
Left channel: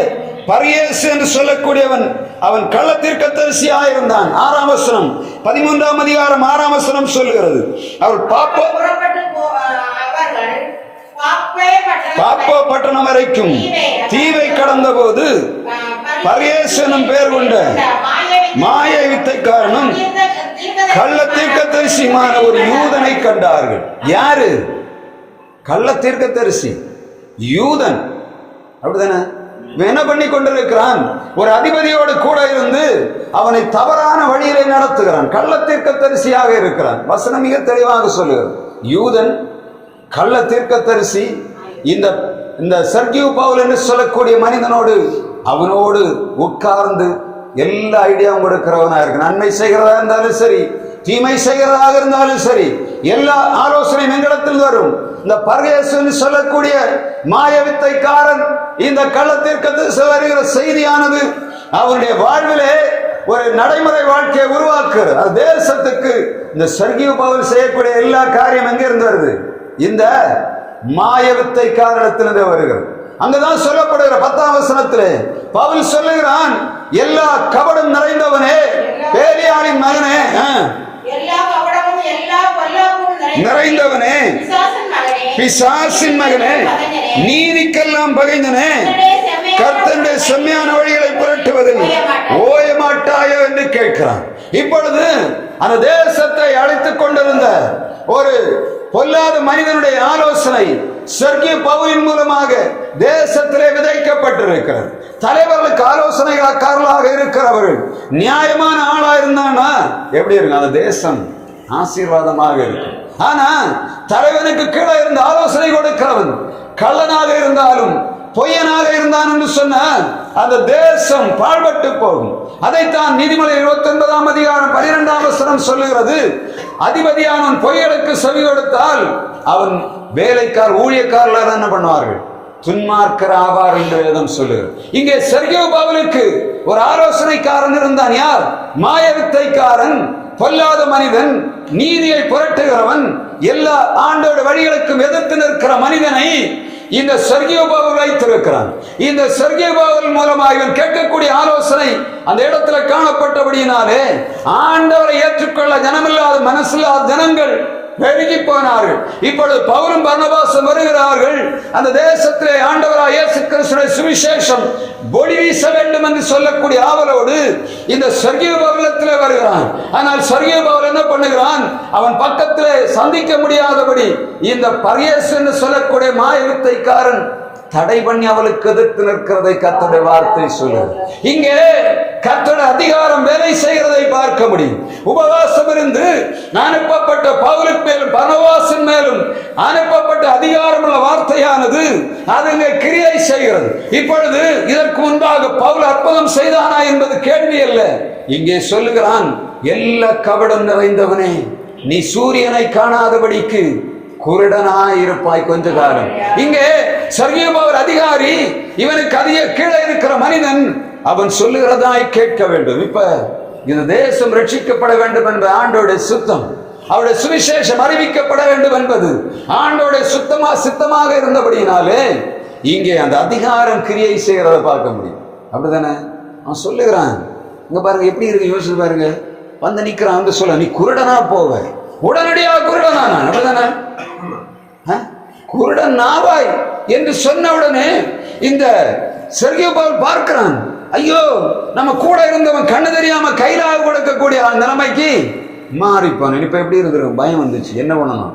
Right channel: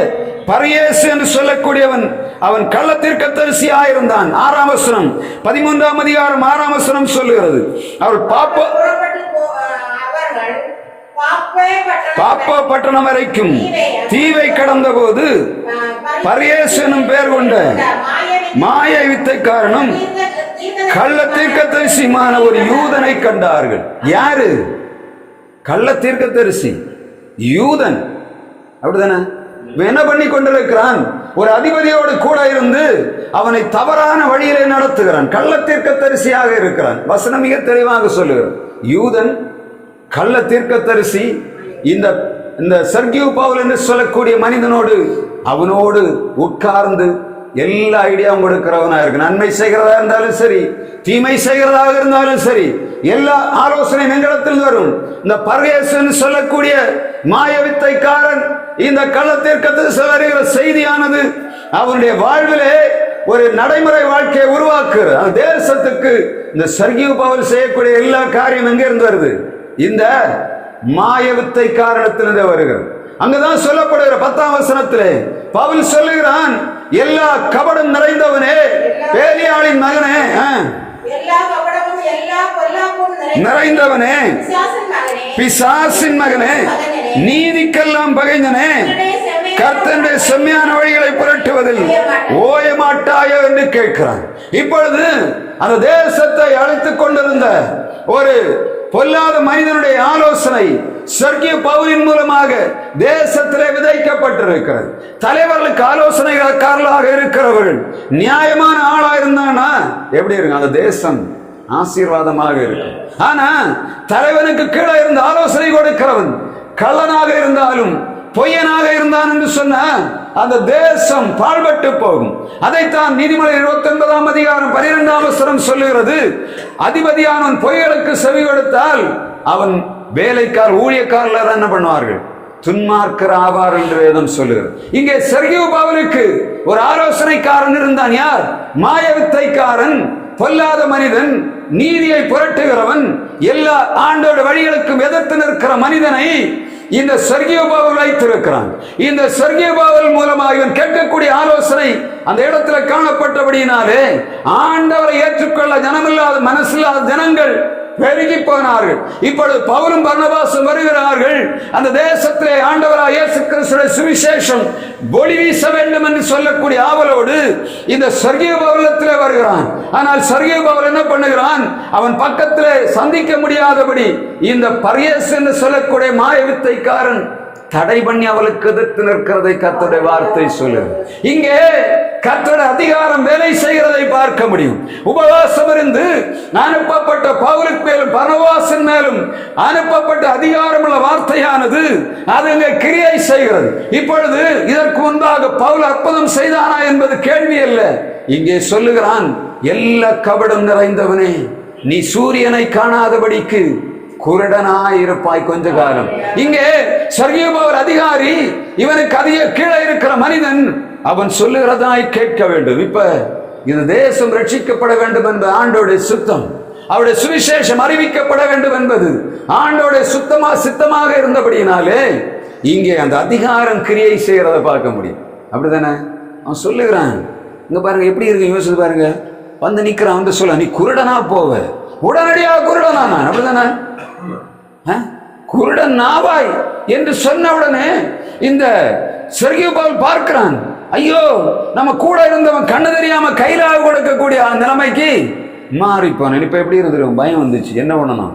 பரியேசு என்று சொல்லக்கூடியவன், அவன் கள்ள தீர்க்கதரிசியாக இருந்தான். 6ஆம் வசனம் 13ஆம் அதிகாரம் 6ஆம் வசனம் சொல்லுகிறது. அவர் பாப்போ பட்டணம் வரைக்கும் தீவை கடந்த போது பரியேசு எனும் பெயர் கொண்ட மாய வித்தைக்காரனும் கள்ள தீர்க்கதரிசியுமான ஒரு யூதனை கண்டார்கள். யாரு? கள்ள தீர்க்கதரிசி, யூதன். அப்படிதானே? என்ன பண்ணி கொண்டிருக்கிறான்? ஒரு அதிபதியோடு கூட இருந்து அவனை தவறான வழியிலே நடத்துகிறான். கள்ள தீர்க்கதரிசியாக இருக்கிறான். வசனம் மிக தெளிவாக சொல்லுகிறான். யூதன், கள்ள தீர்க்கதரிசி, இந்த சர்கியூ பவுல் என்று சொல்லக்கூடிய மனிதனோடு அவனோடு உட்கார்ந்து எல்லா ஐடியாவும் கொடுக்கிறவனா இருக்கு. நன்மை செய்கிறதா இருந்தாலும் சரி, தீமை செய்கிறதாக இருந்தாலும் சரி, எல்லா ஆலோசனை எங்களிடத்தில் வரும். இந்த பர்யேசு சொல்லக்கூடிய மாயவித்தைக்காரன் இந்த கள்ளத்தீர்க்கதரிசி வருகிற செய்தியானது அவனுடைய வாழ்விலே ஒரு நடைமுறை வாழ்க்கையை உருவாக்குறது. அந்த தேசத்துக்கு இந்த சர்கியூ பவுல் செய்யக்கூடிய எல்லா காரியம் எங்க இருந்து வருது? இந்த மாயவித்தை காரணத்திலிருந்து வருகிறது. அங்குதான் சொல்லப்படுகிற 10ஆம் வசனத்திலே பவுல் சொல்லுகிறான், எல்லா கபடம் நிறைந்தவனே, பேலியாளின் மகனே, நிறைந்தவனே, பிசாசின் மகனே, நீதிக்கெல்லாம் பகைஞனே, கர்த்தருடைய செம்மையான வழிகளை புரட்டுவதில் ஓய மாட்டாயோ என்று கேட்கிறான். இப்பொழுது அந்த தேசத்தை அழைத்துக் கொண்டிருந்த ஒரு பொல்லாத மனிதனுடைய ஆலோசனை சர்கிய பவுலின் மூலமாக தேசத்திலே விதைக்கப்பட்டிருக்கிறது. தலைவர்களுக்கு ஆலோசனைக்காரர்களாக இருக்கிறவர்கள் நியாயமான ஆளா இருந்தானா எப்படி இருக்கு? அந்த தேசம் ஆசீர்வாதமாக இருக்கும். ஆனா தலைவனுக்கு கீழே இருந்து ஆலோசனை கொடுக்கிறவன் கள்ளனாக இருந்தாலும் பொய்யனாக இருந்தான் என்று சொன்ன அந்த தேசம் பாழ்பட்டு போகும். அதைத்தான் நீதிமொழி 29ஆம் அதிகாரம் 12ஆம் வசனம் சொல்லுகிறது. அதிபதியானவன் பொய்களுக்கு செவி கொடுத்தால் அவன் வேலைக்கார் ஊழியக்காரர்கள் என்ன பண்ணுவார்கள்? துன்மார்க்கர் ஆவார் என்று வேதம் சொல்லுகிறது. இங்கே சர்கியூ பவுலுக்கு ஒரு ஆலோசனைக்காரன் இருந்தான். யார்? மாயவித்தைக்காரன், பொல்லாத மனிதன், நீதியை புரட்டுகிறவன், எல்லா ஆண்டோட வழிகளுக்கும் எதிர்த்து நிற்கிற மனிதனை இந்த சர்கியூ பவுல் வைத்திருக்கிறான். இந்த சர்கியூ பவுல் மூலமாக இவன் கேட்கக்கூடிய ஆலோசனை அந்த இடத்துல காணப்பட்டபடியினாலே ஆண்டவரை ஏற்றுக்கொள்ள ஜனமில்லாத மனசில்லாத ஜனங்கள் பெருகி போனார்கள். இப்பொழுது பவுலும் பர்னபாசும் வருகிறார்கள். அந்த தேசத்திலே ஆண்டவராகிய இயேசு கிறிஸ்துவின் சுவிசேஷம் ஒளி வீச வேண்டும் என்று சொல்லக்கூடிய ஆவலோடு இந்த சர்கியூ பவுலத்திலே வருகிறான். ஆனால் சர்கியூ பவுல் என்ன பண்ணுகிறான்? அவன் பக்கத்திலே சந்திக்க முடியாதபடி இந்த பர்யேசு என்று சொல்லக்கூடிய மாயவித்தைக்காரன் தடை பண்ணி அவளுக்கு எதிர்த்து நிற்கிறதை கர்த்தருடைய வார்த்தை சொல்லுது. இங்கே கர்த்தருடைய அதிகாரம் வேலை செய்கிறதை பார்க்க முடியும். உபவாசம் இருந்து அனுப்பப்பட்ட பவுலுக்கு மேலும் பர்னபாசின் மேலும் அனுப்பப்பட்ட அதிகாரம் உள்ள வார்த்தையானது அது கிரியை செய்கிறது. இப்பொழுது இதற்கு முன்பாக பவுல் அற்புதம் செய்தானா என்பது கேள்வி அல்ல. இங்கே சொல்லுகிறான், எல்லா கபடம் நிறைந்தவனே, நீ சூரியனை காணாதபடிக்கு குருடனாயிருப்பாய் கொஞ்ச காலம். இங்கே சர்கியூபவர் அதிகாரி, இவனுக்கு அதிக கீழே இருக்கிற மனிதன் அவன் சொல்லுகிறதாய் கேட்க வேண்டும். இப்ப இந்த தேசம் ரட்சிக்கப்பட வேண்டும் என்பது ஆண்டோடைய சுத்தம். அவருடைய சுவிசேஷம் அறிவிக்கப்பட வேண்டும் என்பது ஆண்டோடைய சித்தமாக இருந்தபடியினாலே இங்கே அந்த அதிகாரம் கிரியை செய்யறத பார்க்க முடியும். அப்படிதானே? அவன் சொல்லுகிறான். இங்க பாருங்க எப்படி இருக்கு, யோசிச்சு பாருங்க. வந்து நிக்கிறான், வந்து சொல்ல, நீ குருடனா போவ. உடனடியாக குருடனா? அப்படிதானே? குருடன் நாவாய் என்று சொன்ன உடனே இந்த சர்கியூபவுல் பார்க்கிறான். ஐயோ, நம்ம கூட இருந்தவன் கண்ணு தெரியாம கைலாக கொடுக்கக்கூடிய நிலைமைக்கு மாறிப்பான். இப்ப எப்படி இருந்திருக்கும்? பயம் வந்துச்சு. என்ன பண்ணணும்?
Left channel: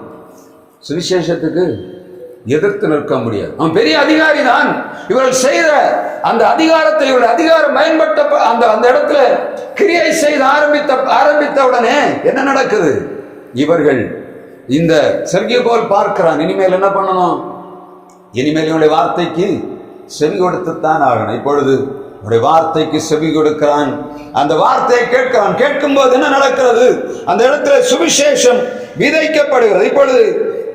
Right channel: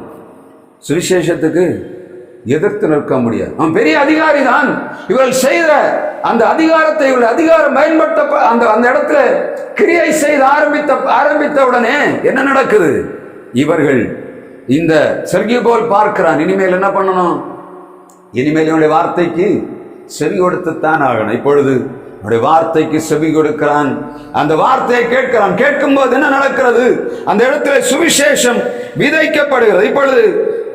சுவிசேஷத்துக்கு எதிர்த்து நிற்க முடியாது. அவன் பெரிய அதிகாரி தான். இவர்கள் செய்த அந்த அதிகாரத்தை, இவர்கள் அதிகாரம் பயன்பட்ட அந்த இடத்துல கிரியை செய்து ஆரம்பித்த உடனே என்ன நடக்குது? இவர்கள் இந்த சர்கியூபவுல் பார்க்கிறான். இனிமேல் என்ன பண்ணணும்? இனிமேல் இவனுடைய வார்த்தைக்கு செவி கொடுத்துத்தான் ஆகணும். இப்பொழுது அவருடைய வார்த்தைக்கு செவி கொடுக்கிறான். அந்த வார்த்தையை கேட்கிறான். கேட்கும் போது என்ன நடக்கிறது? அந்த இடத்துல சுவிசேஷம் விதைக்கப்படுகிறது. இப்பொழுது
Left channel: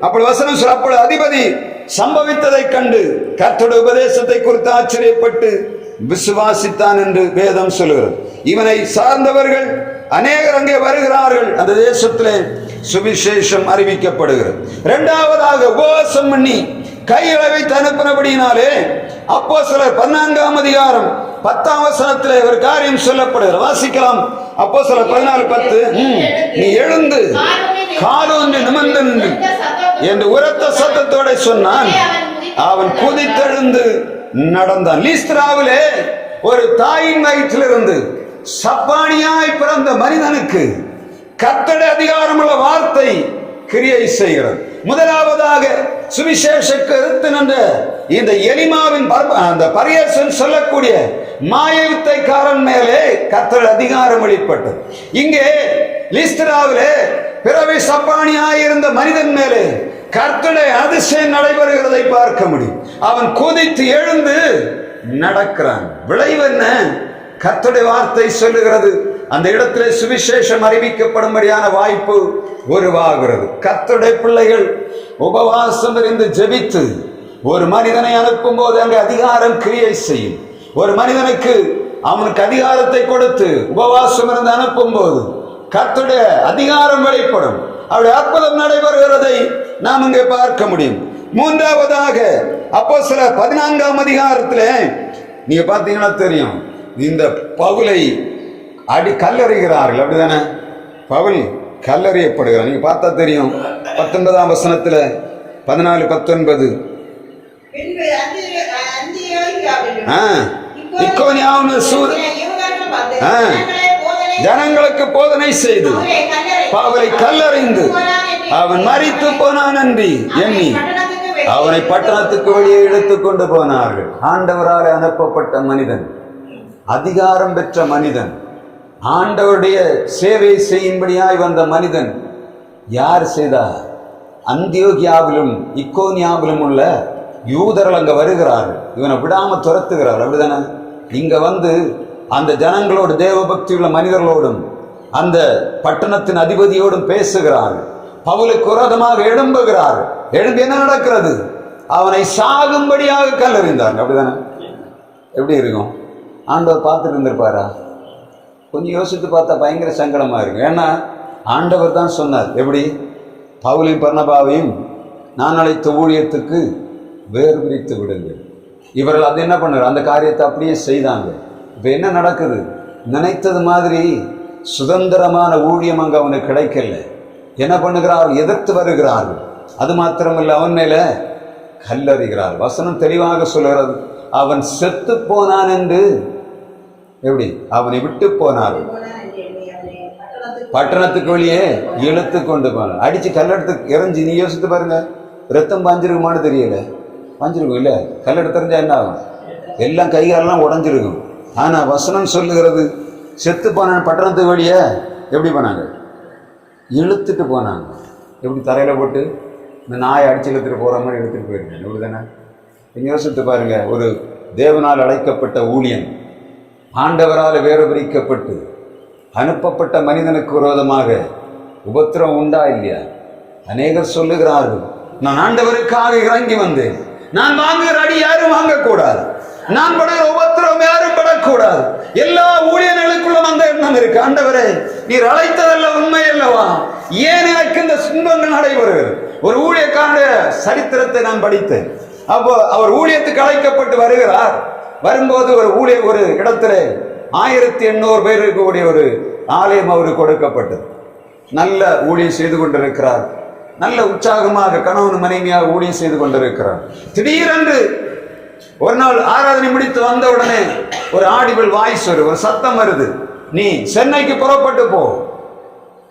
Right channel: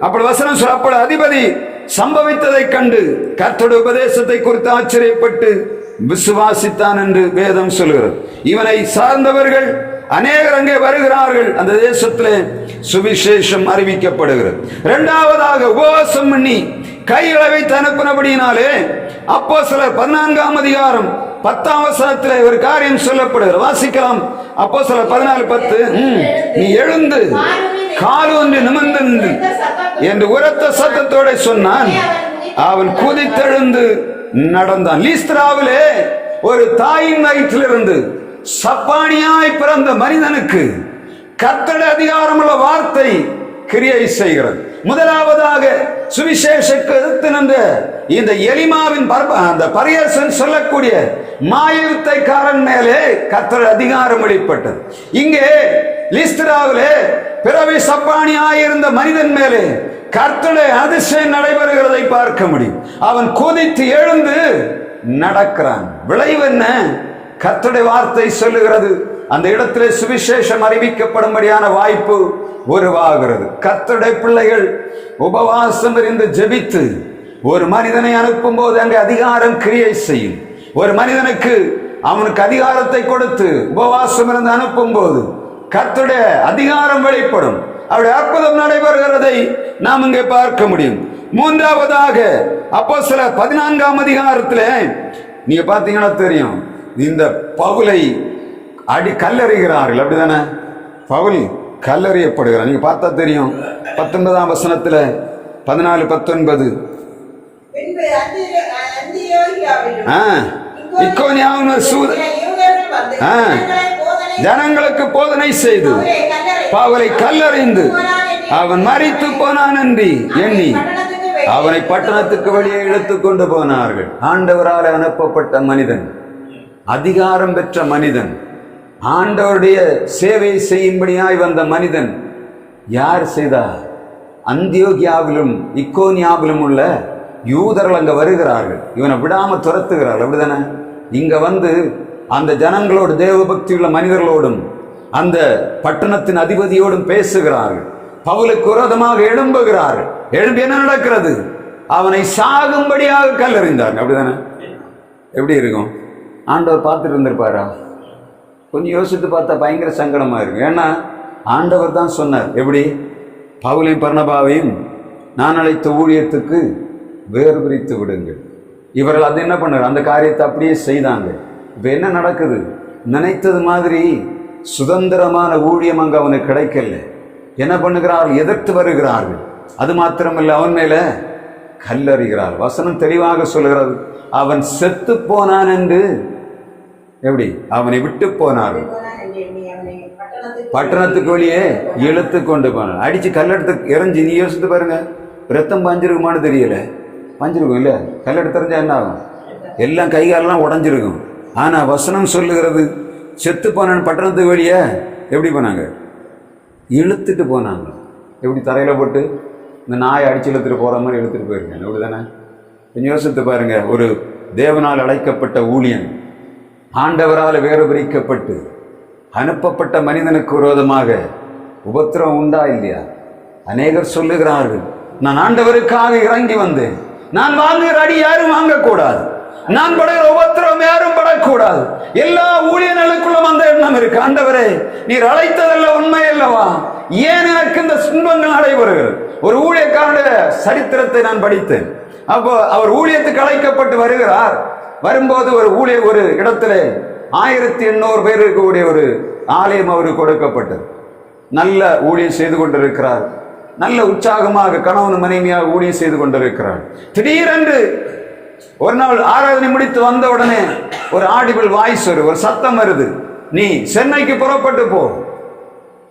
அப்படி வசனம் சொல்ல, அப்பொழுது அதிபதி சம்பவித்ததை கண்டு கர்த்தருடைய உபதேசத்தை குறித்து ஆச்சரியப்பட்டு விசுவாசித்தான் என்று வேதம் சொல்லுகிறது. இவனை சார்ந்தவர்கள் அநேகர் அங்கே வருகிறார்கள். அந்த தேசத்திலே சுவிசேஷம் அறிவிக்கப்படுகிறது. இரண்டாவதாக உபவாசம் பண்ணி கைகளை வைத்து அனுப்பினபடியினாலே அப்போஸ்தலர் 14ஆம் அதிகாரம் 10ஆம் வசனத்திலே ஒரு காரியம் சொல்லப்படுகிறது. வாசிக்கலாம். அப்போஸ்தலர் 14:10. நீ எழுந்து காலூன்றி நிமிர்ந்து நின்று என்று உரத்த சத்தத்தோட சொன்னான். அவன் குதித்தெழுந்து நடந்தான். லீஸ்திராவிலே ஒரு தாயின் வயிற்றிலிருந்து சப்பானியாய் பிறந்த மனிதனுக்கு கர்த்தருடைய அதிகாரமுள்ள வார்த்தை கிரியை செய்கிறது. முதலாவதாக சுவிசேஷக்கு எதிர்த்து நின்ற இந்த எலிமாவின் அந்த பரியசன் சொல்லக்கூடிய மாயவித்தைக்காரன் மேலே கர்த்தருடைய அதிகாரம் வெளிப்பட்டது. இங்கே லீஸ்திராவிலே பிறவி சப்பானியாயிருந்த மனிதன் மேலே கர்த்தருடைய அதிசயம் நடைபெறுகிறதை பார்க்க முடியும். அவன் குதித்து எழுந்து நடக்கிறான். விளைவு என்ன? கர்த்தருடைய வார்த்தை சொல்லுகிறது, அந்த இடத்திலே சுவிசேஷம் அறிவிக்கப்படும்படியான வாய்ப்பு உருவாகிறது. கர்த்தருடைய பிள்ளைகள் உபவாசம் இருந்து ஜெபித்து ஒரு மனிதனை அனுப்பும் போது அங்கே அதிகாரம் கிரியை செய்யும். ஒரு மனிதனுக்கு அவனுக்கு அதிகாரத்தை கொடுத்து உபவாசம் இருந்து அனுப்பும் போது கர்த்தருடைய அதிகாரம் வெளிப்படும். அவருடைய அற்புதம் நடைபெறுகிறதை நாம் இங்கே பார்க்க முடியும். மூன்றாவதாக அப்போஸ்தலர் 14ஆம் அதிகாரத்திலே நீங்க பார்த்தீங்கன்னா தெரியும், இந்த பவுலை கல்லறிகிறார்கள். அப்படிதானே? பவுல் கல்லறியப்படுகிறார். நீங்க பார்த்தா தெரியும். 19ஆம் வசனத்துல 14-19 ஜனங்களுக்கு போதனை செய்து பவுலை கல்லறிந்து அவன் மரித்து போனான் என்று எண்ணி அவனை பட்டணத்துக்கு வெளியே இழுத்துக் கொண்டு போனார்கள். ஆண்டவரால் அனுப்பப்பட்ட மனிதன், அதிகாரம் பெற்ற மனிதன், ஆண்டவருடைய சேவை செய்யும்படியாய் வந்த மனிதன் யார் செய்தார்? அந்தியோகியாவிலும் இக்கோனியாவிலும் உள்ள யூதர்கள் அங்க வருகிறார்கள். இவனை விடாம துரத்துகிறார்கள். அப்படிதானே? இங்க வந்து அந்த ஜனங்களோடு, தேவ பக்தி உள்ள மனிதர்களோடும் அந்த பட்டணத்தின் அதிபதியோடும் பேசுகிறார்கள். பவுலுக்கு விரோதமாக எழும்புகிறார்கள். எழும்பி என்ன நடக்கிறது? அவனை சாகும்படியாக கல்லறிந்தார்கள். அப்படிதானே? எப்படி இருக்கும்? ஆண்டவர் பார்த்துட்டு இருந்திருப்பாரா? கொஞ்சம் யோசித்து பார்த்தா பயங்கர சங்கடமா இருக்கும். ஏன்னா ஆண்டவர் தான் சொன்னார். எப்படி? பவுலையும் பர்னபாவையும் நான் அழைத்த ஊழியத்துக்கு வேறு பிரித்து விடுங்கள். இவர்கள் அது என்ன பண்ணார்? அந்த காரியத்தை அப்படியே செய்தாங்க. இப்ப என்ன நடக்குது? நினைத்தது மாதிரி சுதந்திரமான ஊழியம் அங்கு அவனுக்கு கிடைக்கல. என்ன பண்ணுகிறார்கள்? எதிர்த்து வருகிறார்கள். அது மாத்திரமல்ல, அவன் மேல கல்லறிகிறார். வசனம் தெளிவாக சொல்கிறது, அவன் செத்து போனான் என்று. எப்படி? அவனை விட்டு போனார்கள், பட்டணத்துக்கு வெளியே இழுத்து கொண்டு போனார். அடிச்சு கல்லெடுத்து எறிஞ்சு, நீ யோசித்து பாருங்க, ரத்தம் பாஞ்சிருக்குமான்னு தெரியல. பாஞ்சிருக்கும் இல்ல? கல்லெடுத்து எறிஞ்சா என்ன ஆகும்? எல்லாம் கைகாலெல்லாம் உடஞ்சிருக்கும். ஆனா வசனம் சொல்லுகிறது, செத்து போனான் பட்டணத்துக்கு வெளியே. எப்படி போனாங்க? இழுத்துட்டு போனாங்க. எப்படி? தரையில போட்டு இந்த நாயை அடிச்சு இழுத்துட்டு போற மாதிரி இழுத்துட்டு போயிருக்கேன். அப்படிதானே? கொஞ்சம் யோசித்து பாருங்க. ஒரு தேவனால் அழைக்கப்பட்ட ஊழியன், ஆண்டவரால் வேறு பிரிக்கப்பட்டு அனுப்பப்பட்ட மனிதனுக்கு விரோதமாக உபத்திரம் உண்டா இல்லையா? அநேகர் சொல்லுகிறார்கள், நான் ஆண்டவருக்காக இறங்கி வந்தேன். நான் வாங்குகிற அடி யாரும் வாங்கக்கூடாது, நான் படுகிற உபத்திரம் யாரும் படக்கூடாது. எல்லா ஊழியர்களுக்குள்ளும் அந்த எண்ணம் இருக்கு. ஆண்டவரே, நீர் அழைத்ததல்ல உண்மை அல்லவா, ஏன் எனக்கு இந்த துன்பங்கள் நடைபெறுகிறது? ஒரு ஊழியக்காரனுடைய சரித்திரத்தை நான் படித்தேன். அப்போ அவர் ஊழியத்துக்கு அழைக்கப்பட்டு வருகிறார். வரும்போது ஒரு இடத்துல 1800 பேர் இருக்கக்கூடிய ஒரு ஆலயம் அவருக்கு கொடுக்கப்பட்டது. நல்ல ஊழியம் செய்து கொண்டிருக்கிறார். நல்ல உற்சாகமாக கணவன் மனைவியாக ஊழியம் செய்து கொண்டிருக்கிறார். திடீரென்று ஒரு நாள் ஆராதனை முடித்து வந்த உடனே ஒரு ஆடிபிள் வாய்ஸ் ஒரு சத்தம் வருது, நீ சென்னைக்கு புறப்பட்டு போ.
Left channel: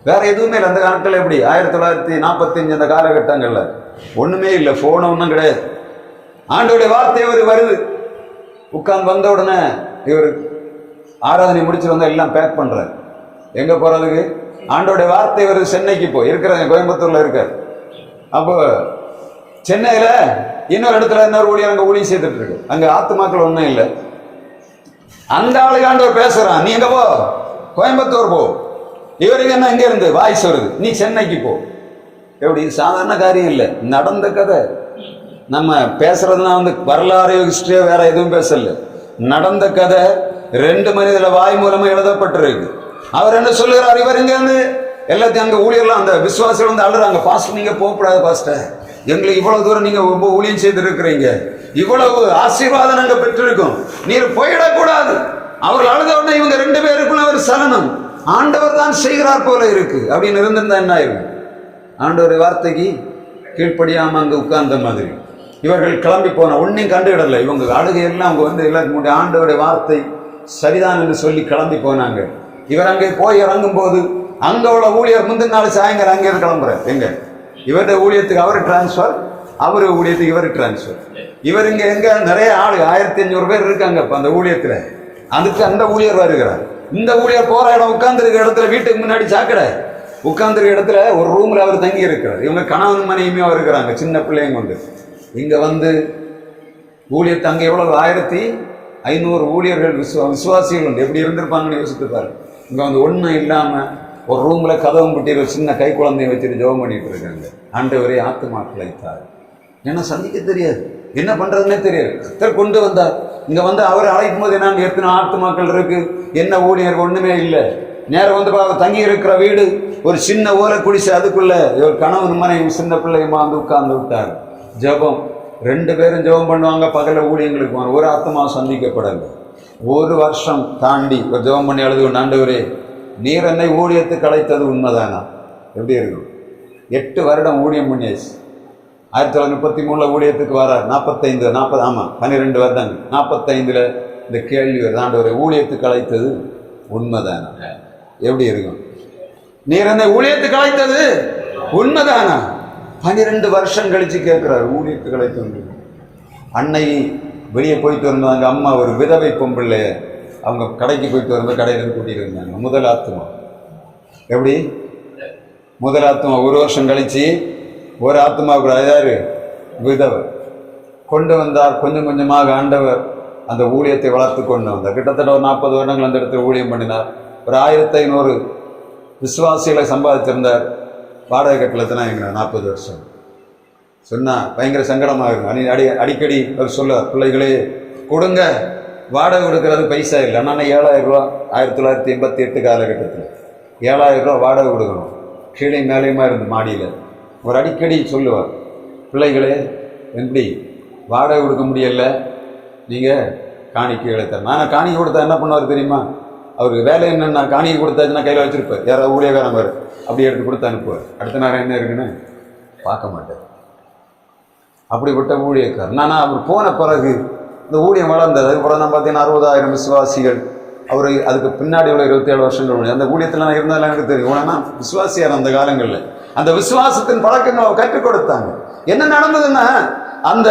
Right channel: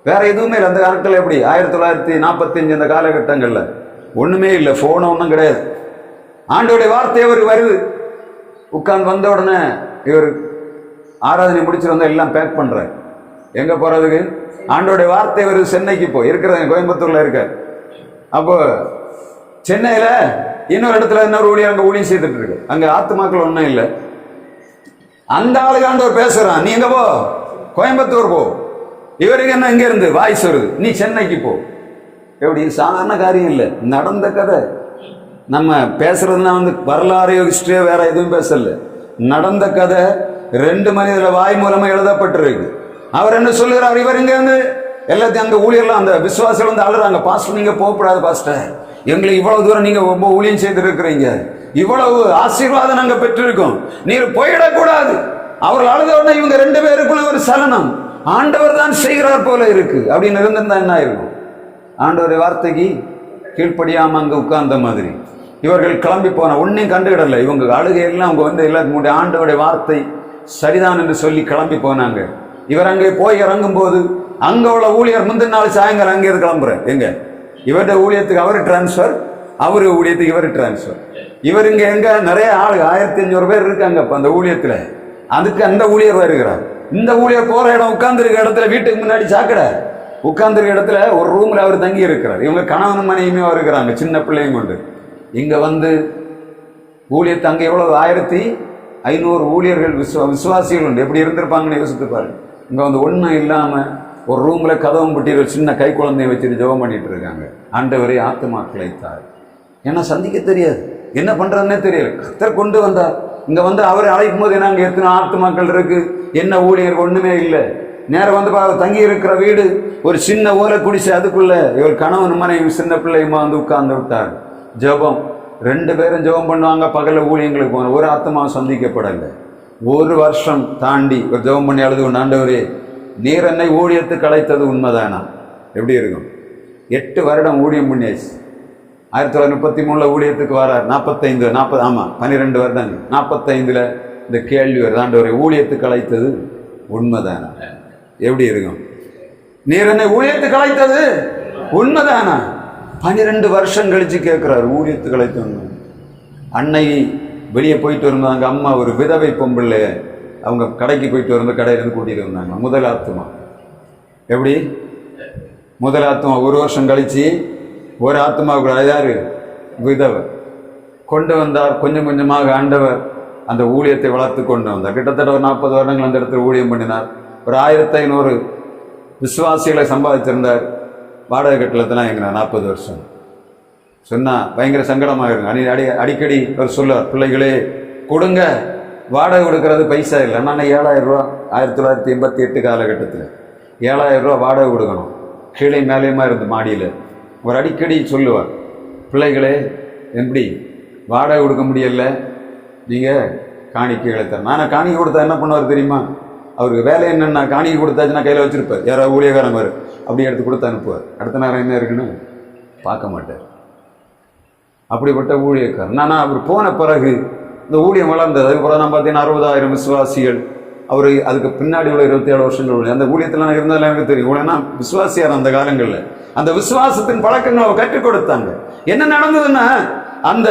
வேற எதுவுமே இல்லை. அந்த காலத்தில் எப்படி 1945 அந்த காலகட்டங்கள்ல ஒண்ணுமே இல்லை, போன் ஒன்றும் கிடையாது. ஆண்டோடைய வார்த்தை ஒரு வருது. உட்கார்ந்து வந்த உடனே இவர் ஆராதனை முடிச்சுட்டு வந்து எல்லாம் பேக் பண்றாரு. எங்க போறதுக்கு? ஆண்டோடைய வார்த்தை வருது, சென்னைக்கு போ. இருக்கிறாங்க கோயம்புத்தூர்ல இருக்கார். அப்போ சென்னையில இன்னொரு இடத்துல இன்னொரு ஊழியர் அங்க ஊழியம் செய்துட்டு இருக்கு. அங்க ஆத்துமாக்கள் ஒன்றும் இல்லை. அந்த ஆளுக்கு ஆண்டவர் பேசுறான், நீ எங்க போ? கோயம்புத்தூர் போ. இவருக்கு என்ன எங்க இருந்து வாய்ஸ் வருது, நீ சென்னைக்கு போ. எப்படி? சாதாரண காரியம் இல்லை, நடந்த கதை. நம்ம பேசுறதுனா வரலாறு ஹிஸ்டரியோ வேற எதுவும் பேசல, நடந்த கதை. 2 மனிதர வாய் மூலமா எழுதப்பட்டிருக்கு. அவர் என்ன சொல்லுகிறார்? இவர் இங்க இருந்து எல்லாத்தையும் அங்க ஊழியர்லாம் அந்த விசுவாசிகள் வந்து அழுறாங்க, பாஸ்டர் நீங்க போகக்கூடாது பாஸ்டர், எங்களுக்கு இவ்வளவு தூரம் நீங்க ரொம்ப ஊழியம் செய்து இருக்கிறீங்க, இவ்வளவு ஆசீர்வாதம் நாங்க பெற்றிருக்கோம், நீர் போயிடக்கூடாது. அவர்கள் அழுத உடனே இவங்க 2 பேருக்குள்ள ஒரு சலனம், ஆண்டவர் தான் செய்கிறார் போல இருக்கு அப்படின்னு இருந்திருந்தா என்ன ஆயிருக்கும்? ஆண்டவர் வார்த்தைக்கு கீழ்ப்படியாம அங்க உட்கார்ந்த மாதிரி இவர்கள் கிளம்பி போன ஒன்னையும் கண்டுகிடல. இவங்க அழுகையெல்லாம் அவங்க வந்து எல்லாத்துக்கும் ஆண்டவருடைய வார்த்தை சரிதான் என்று சொல்லி கிளம்பி போனாங்க. இவர் அங்கே போய் இறங்கும் போது அங்க உள்ள ஊழியர் முந்தின நாள் சாயங்காலம் அங்கே கிளம்புற எங்க இவருடைய ஊழியத்துக்கு அவர் டிரான்ஸ்பர், அவரு ஊழியத்துக்கு இவர் டிரான்ஸ்பர். இவர் இங்க எங்க நிறைய ஆளு 1500 பேர் இருக்காங்க அந்த ஊழியத்துல. அதுக்கு அந்த ஊழியர் வருகிறார். இந்த ஊழியர் போற இடம் உட்கார்ந்துருக்க இடத்துல வீட்டுக்கு முன்னாடி சாக்கடை, உட்கார்ந்துருக்க இடத்துல ஒரு ரூம்ல அவர் தங்கி இருக்கிறார். இவங்க கணவன் மனைவியுமே இருக்கிறாங்க, சின்ன பிள்ளையும் கொண்டு. இங்க வந்து ஊழியர் அங்க எவ்வளவு 1500 ஊழியர்கள் விசுவாசிகள் உண்டு. எப்படி இருந்திருப்பாங்கன்னு யோசித்து பாருங்க. இங்க வந்து ஒன்றும் இல்லாம ஒரு ரூம்ல கதவும் பட்டி ஒரு சின்ன கை குழந்தைய வச்சுட்டு ஜெபம் பண்ணிட்டு இருக்காங்க. ஆண்டவரே ஆத்துமாக்களை தார். ஏன்னா சந்திக்க தெரியாது, என்ன பண்றதுன்னே தெரியாது. கர்த்தர் கொண்டு வந்தார். இங்க வந்து அவரை அழைக்கும் போது என்ன, அங்க எத்தனை ஆத்துமாக்கள் இருக்கு, என்ன ஊழியர் ஒண்ணுமே இல்லை. நேரம் வந்து தங்கி இருக்கிற வீடு ஒரு சின்ன ஓலை குடிசை, அதுக்குள்ள இவர் கணவன் மனைவி சின்ன பிள்ளையுமா வந்து உட்கார்ந்து விட்டார். ஜெபம் 2 பேரும் ஜெபம் பண்ணுவாங்க. பகல ஊழியங்களுக்கு போவாங்க. ஒரு ஆத்மா சந்திக்கப்படலை. 1 வருஷம் தாண்டி ஒரு ஜெபம் பண்ணி அழுது கொண்டு, ஆண்டவரே நீர் என்னை ஊழியத்துக்கு அழைத்தது உண்மைதானா? எப்படி இருக்கும்? 8 வருடம் ஊழியம் பண்ணியாச்சு. 1933 ஊழியத்துக்கு வரார். 12 வருடங்கள் 45ல் இந்த கேள்வி வருது, ஆண்டவரை ஊழியத்துக்கு அழைத்தது உண்மைதானா? எப்படி இருக்கும்? நீர் என்னை ஊழியத்துக்கு அழைத்தது உண்மைதானா? 12 வருஷம் கழிச்சு கேட்கிறார், ஊழியத்துக்கு அழைத்தது. அன்னை வெளியே போயிட்டு வரும்போது அங்கே அம்மா ஒரு விதவை பொம்புள்ள, அவங்க கடைக்கு போயிட்டு வரும்போது கடையிலேருந்து கூட்டிட்டு இருந்தாங்க. முதல் ஆத்மா எப்படி? முதல் ஆத்மா 1 வருஷம் கழிச்சு ஒரு ஆத்மா கூட யாரு? விதவை கொண்டு வந்தார். கொஞ்சம் கொஞ்சமாக ஆண்டவர் அந்த ஊழியத்தை வளர்த்து கொண்டு வந்தார். கிட்டத்தட்ட ஒரு 40 வருடங்கள் அந்த இடத்துல ஊழியம் பண்ணினார். ஒரு 1500 விசுவாசிகளை சம்பாதிச்சிருந்தார். வாடகை கட்டளத்தில் எங்க 40 வருஷம் சொன்னா பயங்கர சங்கடமாயிருங்க. அடிக்கடி அவர் சொல்ல, பிள்ளைகளே கொடுங்க, வாடகை கொடுக்கறது பைசா இல்லை. நான் 7000 ரூபா 1988 காலகட்டத்தில் 7000 ரூபா வாடகை கொடுக்கணும். கீழே மேலேயுமா இருந்து மாடியில். அவர் அடிக்கடி சொல்லுவார், பிள்ளைகளே எப்படி வாடகை கொடுக்க முடியல, நீங்கள் காணிக்கைகளை தர. நான் காணிக்கை கொடுத்தா என்ன பண்ணுவார் தெரியுமா? அவருக்கு வேலை என்னென்னா, காணிக்கை கொடுத்தாச்சுன்னா கையில் வச்சுருப்பார். யாராவது ஊழியக்காரன் வரும், அப்படி எடுத்து கொடுத்து அனுப்புவார். அடுத்த நேரம் என்ன இருக்குன்னு பார்க்க மாட்டார். அப்படிப்பட்ட ஊழியக்காரர். ஆனால் அவர் போன பிறகு இந்த ஊழியம் வளர்ந்தது. அதுக்கப்புறம் நான் பார்த்தீங்கன்னா 60,000 விசுவாசிகள். அவர் அதுக்கு பின்னாடி உள்ள 27 வருஷங்கள் அந்த ஊழியத்தில் நான் இருந்தாலும் எனக்கு தெரியும். ஏன்னா விசுவாசியார் அந்த காலங்களில் அந்த விசுவாசத்தின் பழக்கங்களை கற்றுக் கொடுத்தாங்க. என்ன நடந்ததுன்னா, அந்த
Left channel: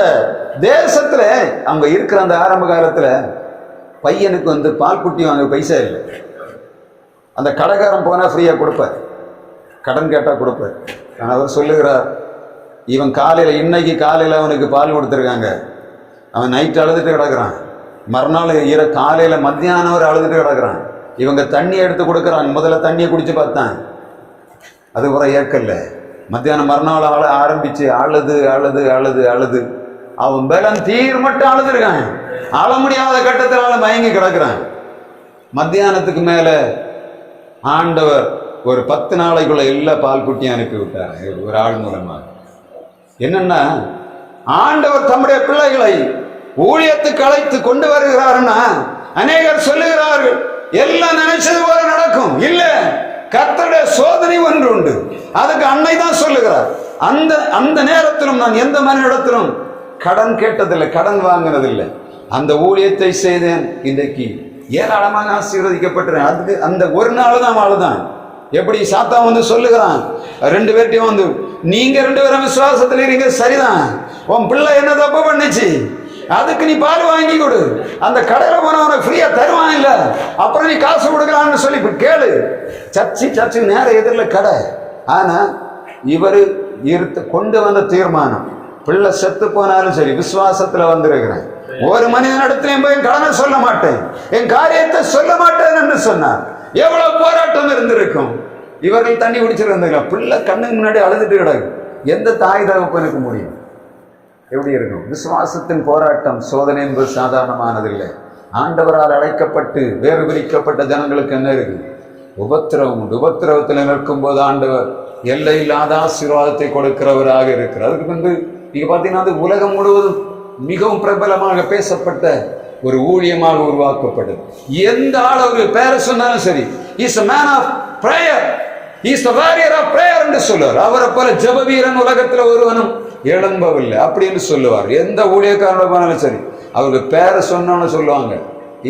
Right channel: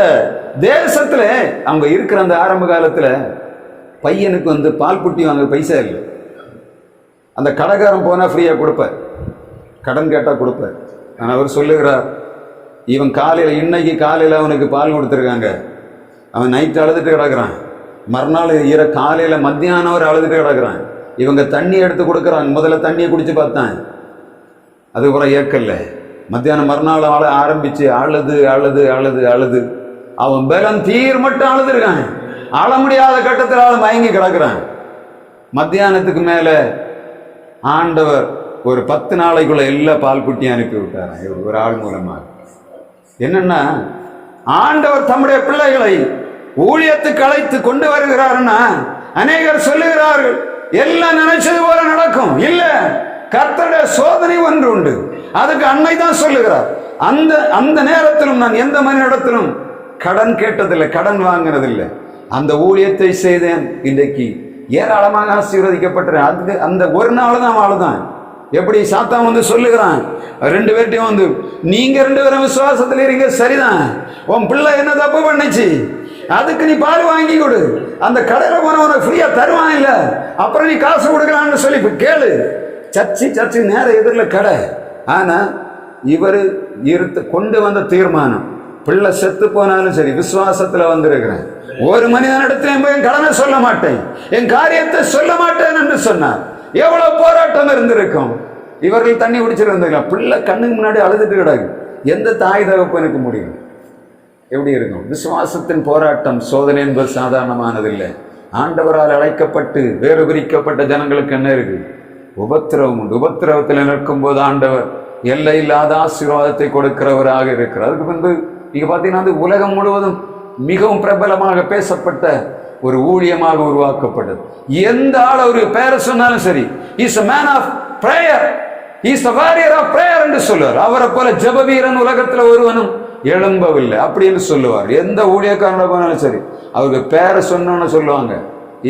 தேசத்துல அவங்க இருக்கிற அந்த ஆரம்ப காலத்துல பையனுக்கு வந்து பால் குட்டி வாங்க பைசா இல்லை. அந்த கடைக்காரன் போனா ஃப்ரீயா கொடுப்பார், கடன் கேட்டா கொடுப்பார். ஆனால் அவர் சொல்லுகிறார், இவன் காலையில இன்னைக்கு காலையில அவனுக்கு பால் கொடுத்துருக்காங்க, அவன் நைட்டு அழுதுட்டு கிடக்குறான், மறுநாள் காலையில மத்தியானம் ஒரு அழுதுட்டு கிடக்குறான். இவங்க தண்ணி எடுத்து கொடுக்குறாங்க. முதல்ல தண்ணியை குடிச்சு பார்த்தான், அதுக்கப்புறம் ஏற்கல்ல. மத்தியானம் மறுநாள் ஆரம்பிச்சு அழுது அழுது அழுது அழுது அவன் பலம் தீர் மட்டும் அழுதுருக்கான். அழ முடியாத கட்டத்தில் ஆள் மயங்கி கிடக்குறான். மத்தியானத்துக்கு மேல ஆண்டவர் ஒரு 10 நாளைக்குள்ள எல்லா பால் குட்டியும் அனுப்பி விட்டார் ஒரு ஆள் மூலமாக. என்னன்னா, ஆண்டவர் தம்முடைய பிள்ளைகளை ஊழியத்துக்கு அழைத்து கொண்டு வருகிறார்னா அநேகர் சொல்லுகிறார்கள் எல்லாம் நினைச்சது போல நடக்கும். இல்ல, கர்த்தருடைய சோதனை ஒன்று உண்டு. அதுக்கு அன்னை தான் சொல்லுகிறார், அந்த நேரத்திலும் நான் எந்த மனிதனிடத்திலும் கடன் கேட்டதில்லை, கடன் வாங்கினதில்லை. அந்த ஊழியத்தை செய்தேன், இன்றைக்கு ஏராளமாக ஆசீர்வதிக்கப்பட்டேன். அதுக்கு அந்த ஒரு நாள் தான் ஆளுதான். எப்படி சாத்தான் வந்து சொல்லுகிறான் 2 பேர்ட்டையும் வந்து, நீங்க 2 பேரும் விசுவாசத்தில் இருங்க, சரிதான், உன் பிள்ளை என்ன தப்பு பண்ணுச்சு, அதுக்கு நீ பால் வாங்கி கொடு, அந்த கடையில போனவனை ஃப்ரீயா தருவான், இல்ல அப்புறம் நீ காசு கொடுக்கலான்னு சொல்லி கேளு. சர்ச்சு நேர எதிரில் கடை. ஆனா இவரு கொண்டு வந்த தீர்மானம், பிள்ளை செத்து போனாலும் சரி விசுவாசத்துல வந்திருக்கிறேன், ஒரு மனிதனிடத்திலையும் போய் கடனை சொல்ல மாட்டேன், என் காரியத்தை சொல்ல மாட்டேன் என்று சொன்னார். எவ்வளவு போராட்டம் இருந்திருக்கும். இவர்கள் தண்ணி குடிச்சிருந்தாங்க, பிள்ளை கண்ணுக்கு முன்னாடி அழுதுட்டு கிடக்கு. எந்த தாய் தகப்பனுக்கு முடியும்? எப்படி இருக்கும்? விசுவாசத்தின் போராட்டம், சோதனை என்பது சாதாரணமானதில்லை. ஆண்டவரால் அழைக்கப்பட்டு வேறு பிரிக்கப்பட்ட ஜனங்களுக்கு என்ன இருக்கு? உபத்திரவம் உண்டு. உபத்திரவத்தில் நிற்கும் போது ஆண்டவர் எல்லை இல்லாத ஆசீர்வாதத்தை கொடுக்கிறவராக இருக்கிறார். அதுக்கு பின்பு நீங்க பாத்தீங்கன்னா அது உலகம் முழுவதும் மிகவும் பிரபலமாக பேசப்பட்ட ஒரு ஊழியமாக உருவாக்கப்பட்டது. எந்த ஆள் ஒரு பேரை சொன்னாலும் சரி, is a man of prayer, is a warrior of prayer என்று சொல்லுவார். அவரை போல ஜெப வீரன் உலகத்துல ஒருவனும் எழும்பவில்லை அப்படின்னு சொல்லுவார். எந்த ஊழியக்காரன போனாலும் சரி, அவருக்கு பேரை சொன்னோன்னு சொல்லுவாங்க,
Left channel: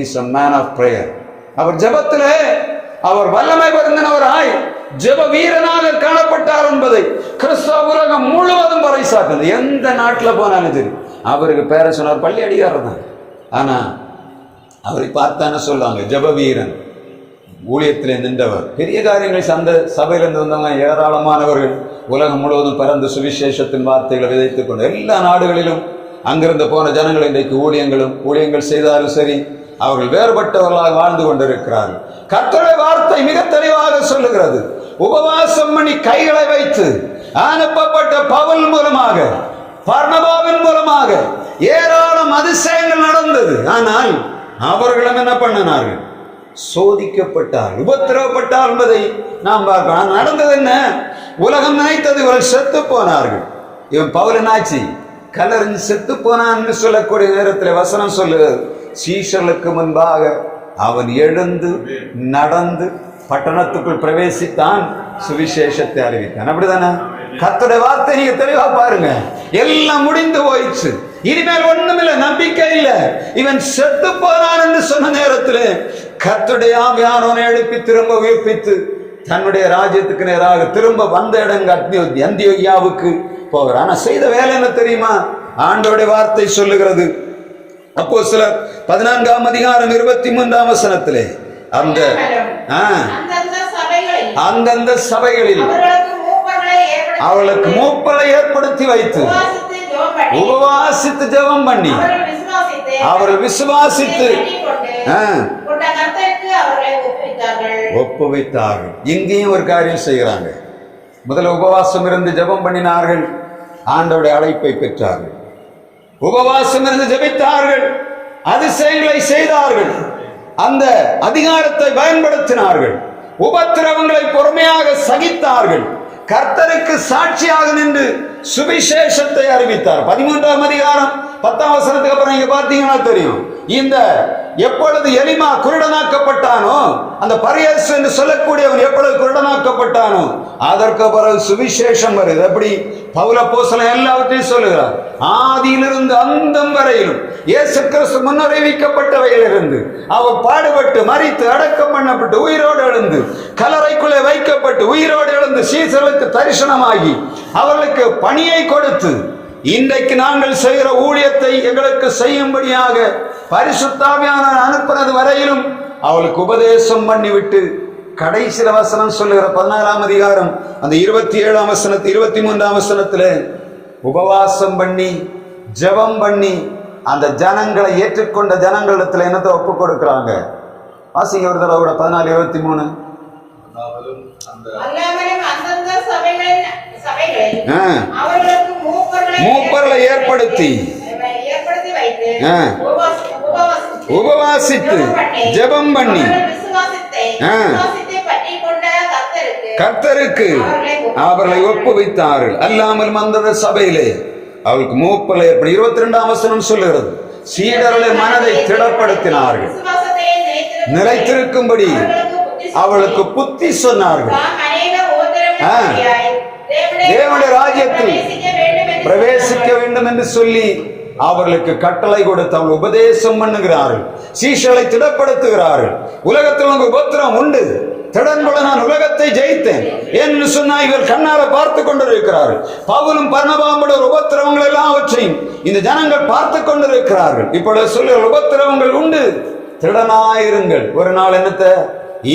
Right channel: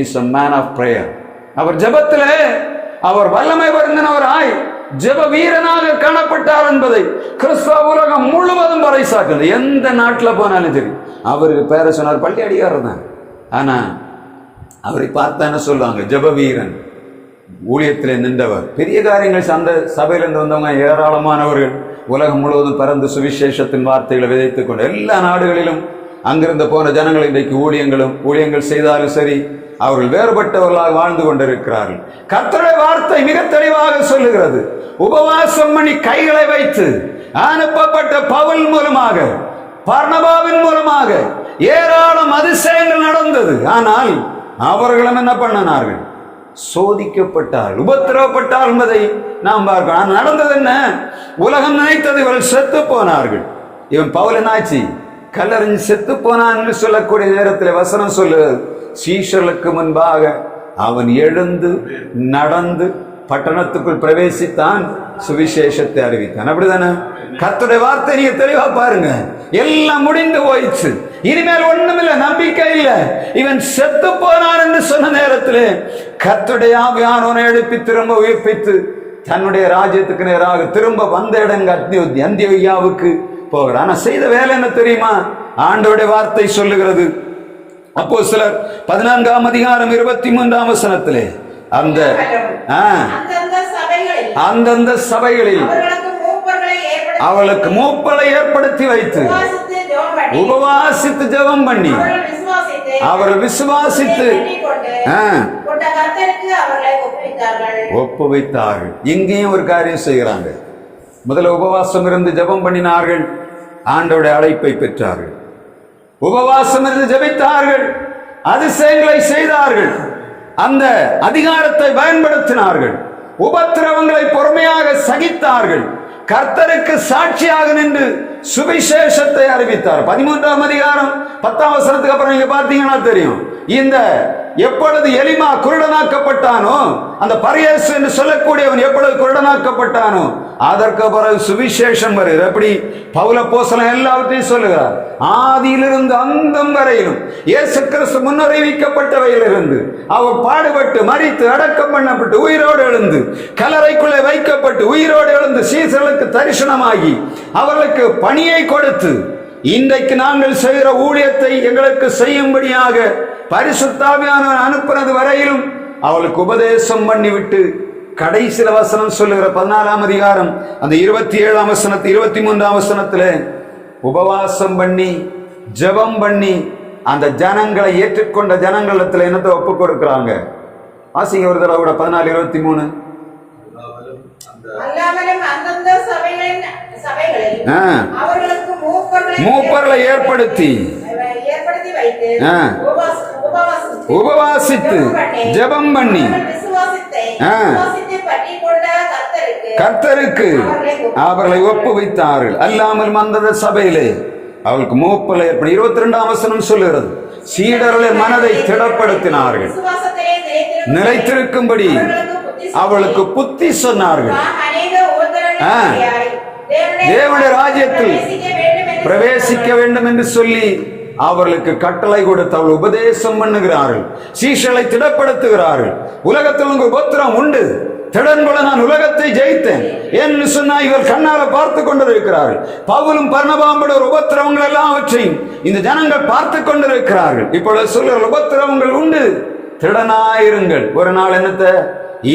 is a man of prayer. அவர் ஜெபத்திலே அவர் வல்லமை வருந்தினவராய் ஜெப வீரனாக காணப்பட்டார் என்பதை கிறிஸ்தவ உலகம் முழுவதும் பறைசாற்றினது. எந்த நாட்டில் போனாலும் சரி அவருக்கு பேரை சொன்னார். பள்ளி அடிகாரர் தான். ஆனா அவரை பார்த்தா என்ன சொல்லுவாங்க? ஜெப வீரன், ஊழியத்திலே நின்றவர். பெரிய காரியங்கள் அந்த சபையிலிருந்து வந்தவங்க ஏராளமானவர்கள் உலகம் முழுவதும் பறந்து சுவிசேஷத்தின் வார்த்தைகளை விதைத்துக் கொண்டு எல்லா நாடுகளிலும் அங்கிருந்து போன ஜனங்கள் இன்றைக்கு ஊழியங்கள் செய்தாலும் சரி, அவர்கள் வேறுபட்டவர்களாக வாழ்ந்து கொண்டிருக்கிறார்கள். கர்த்தருடைய வார்த்தை மிக தெளிவாக சொல்லுகிறது. உபவாசம் பண்ணி கைகளை வைத்து அனுப்பப்பட்ட பவுல் மூலமாக, பர்னபாவின் மூலமாக ஏராளம் அதிசயங்கள் நடந்தது. ஆனால் அவர்களும் என்ன பண்ணினார்கள்? சோதிக்கப்பட்டார், உபத்திரவப்பட்டார் என்பதை நாம் பார்க்கிறோம். நடந்தது என்ன? உலகம் நினைத்தது இவர்கள் செத்து போனார்கள். இவன் பவுல் என்னாச்சு? கல்லறிஞ்சு செத்து போனான்னு சொல்லக்கூடிய நேரத்தில் வசனம் சொல்லுகிறது, சீஷர்களுக்கு முன்பாக அவன் எழுந்து நடந்து பட்டணத்துக்குள் பிரவேசித்தான், சுவிசேஷத்தை அறிவித்தான். அப்படிதானே? கர்த்தருடைய வார்த்தை நீங்க தெளிவா பாருங்க. எல்லாம் முடிந்து போயிடுச்சு, இனிமேல் ஒண்ணுமில்லை, நம்பிக்கை இல்லை. இவன் செத்து போனான் என்று சொன்ன நேரத்தில் கர்த்தருடைய ஆவியானவனை எழுப்பி திரும்ப உயிர்ப்பித்து தன்னுடைய ராஜ்யத்துக்கு நேராக திரும்ப வந்த இடங்க அந்தியோகியாவுக்கு போகிறான். ஆனா செய்த வேலை என்ன தெரியுமா? ஆண்டவருடைய வார்த்தை சொல்லுகிறது. அப்போஸ்தலர் 14ஆம் அதிகாரம் 23ஆம் வசனத்திலே அந்தந்த சபைகளில் அவர்களுக்கு மூப்பரை ஏற்படுத்தி வைத்து உபவாசித்து ஜெபம் பண்ணி அவர்கள் விசுவாசித்து ஒப்புவித்தார்கள். இங்கேயும் ஒரு காரியம் செய்கிறாங்க. முதல்ல உபவாசம் இருந்து ஜெபம் பண்ணினார்கள், ஆண்டவருடைய அழைப்பை பெற்றார்கள். உபவாசம் இருந்து ஜெபித்தார்கள், அதிசயங்களை செய்தார்கள், அந்த அதிகாரத்தை பயன்படுத்தினார்கள், உபத்திரவங்களை பொறுமையாக சகித்தார்கள், கர்த்தருக்கு சாட்சியாக நின்று சுவிசேஷத்தை அறிவித்தார். 13ஆம் அதிகாரம் 10ஆம் வசனத்துக்கு அப்புறம் நீங்க பார்த்தீங்கன்னா தெரியும். இந்த எப்பொழுது எலிமா குருடனாக்கப்பட்டானோ, அந்த பரியேசு என்று சொல்லக்கூடியவன் எப்பொழுது குருடனாக்கப்பட்டானோ அதற்கு பிறகு சுவிசேஷம் வருது. எப்படி? பவுல் அப்போஸ்தலன் எல்லாவற்றையும் சொல்லுகிறார். ஆதியிலிருந்து அந்தம் வரையிலும் இயேசு கிறிஸ்து முன்னறிவிக்கப்பட்டவையிலிருந்து அவர் பாடுபட்டு மரித்து அடக்கம் பண்ணப்பட்டு உயிரோடு எழுந்து கல்லறைக்குள்ளே வைக்கப்பட்டு உயிரோடு எழுந்து சீசர்களுக்கு தரிசனமாகி அவர்களுக்கு பணியை கொடுத்து இன்றைக்கு நாங்கள் செய்கிற ஊழியத்தை எங்களுக்கு செய்யும்படியாக பரிசுத்த ஆவியானவர் அனுப்புறது வரையிலும் அவளுக்கு உபதேசம் பண்ணிவிட்டு கடைசி வசனம் சொல்லுகிற 14ஆம் அதிகாரம் அந்த 27ஆம் வசனத்து 23ஆம் வசனத்துல உபவாசம் பண்ணி ஜெபம் பண்ணி அந்த ஜனங்களை ஏற்றுக்கொண்ட ஜனங்களிடத்துல என்னத்தை ஒப்பு கொடுக்கிறாங்க? வாசிங்க ஒரு தடவை கூட 14:23. அல்லாமலும் அந்தந்த சபைகளில் அவர்களுக்கு மூப்பர்களை ஏற்படுத்தி வைத்து உபவாசித்து ஜெபம் பண்ணி கர்த்தருக்கு அவர்களை ஒப்புவித்தார்கள். அல்லாமல் அந்த சபையிலே அவளுக்கு மூப்பர்களை ஏற்படுத்தி 22ஆம் வசனம் சொல்லுகிறது, சீடர்களின் மனதை திடப்படுத்தினார்கள், நிலைத்திருக்கும்படி அவளுக்கு புத்தி சொன்னார்கள். தேவனுடைய ராஜ்யத்தில் பிரவேசிக்க வேண்டும் என்று சொல்லி அவர்களுக்கு கட்டளை கொடுத்து அவள் உபதேசம் பண்ணுகிறார்கள், சீஷர்களை திடப்படுத்துகிறார்கள். உலகத்தில் உங்க உபத்திரம் உண்டு, திடன்பட நான் உலகத்தை ஜெயித்தேன் என்று சொன்னா இவர் கண்ணால பார்த்து கொண்டிருக்கிறார்கள். பவுலும் பர்னபாவுடைய உபத்திரவங்கள் எல்லாவற்றையும் இந்த ஜனங்கள் பார்த்து கொண்டிருக்கிறார்கள். இப்பொழுது சொல்லுகிற உபத்திரவங்கள் உண்டு, திடனாயிருங்கள். ஒரு நாள் என்னத்தை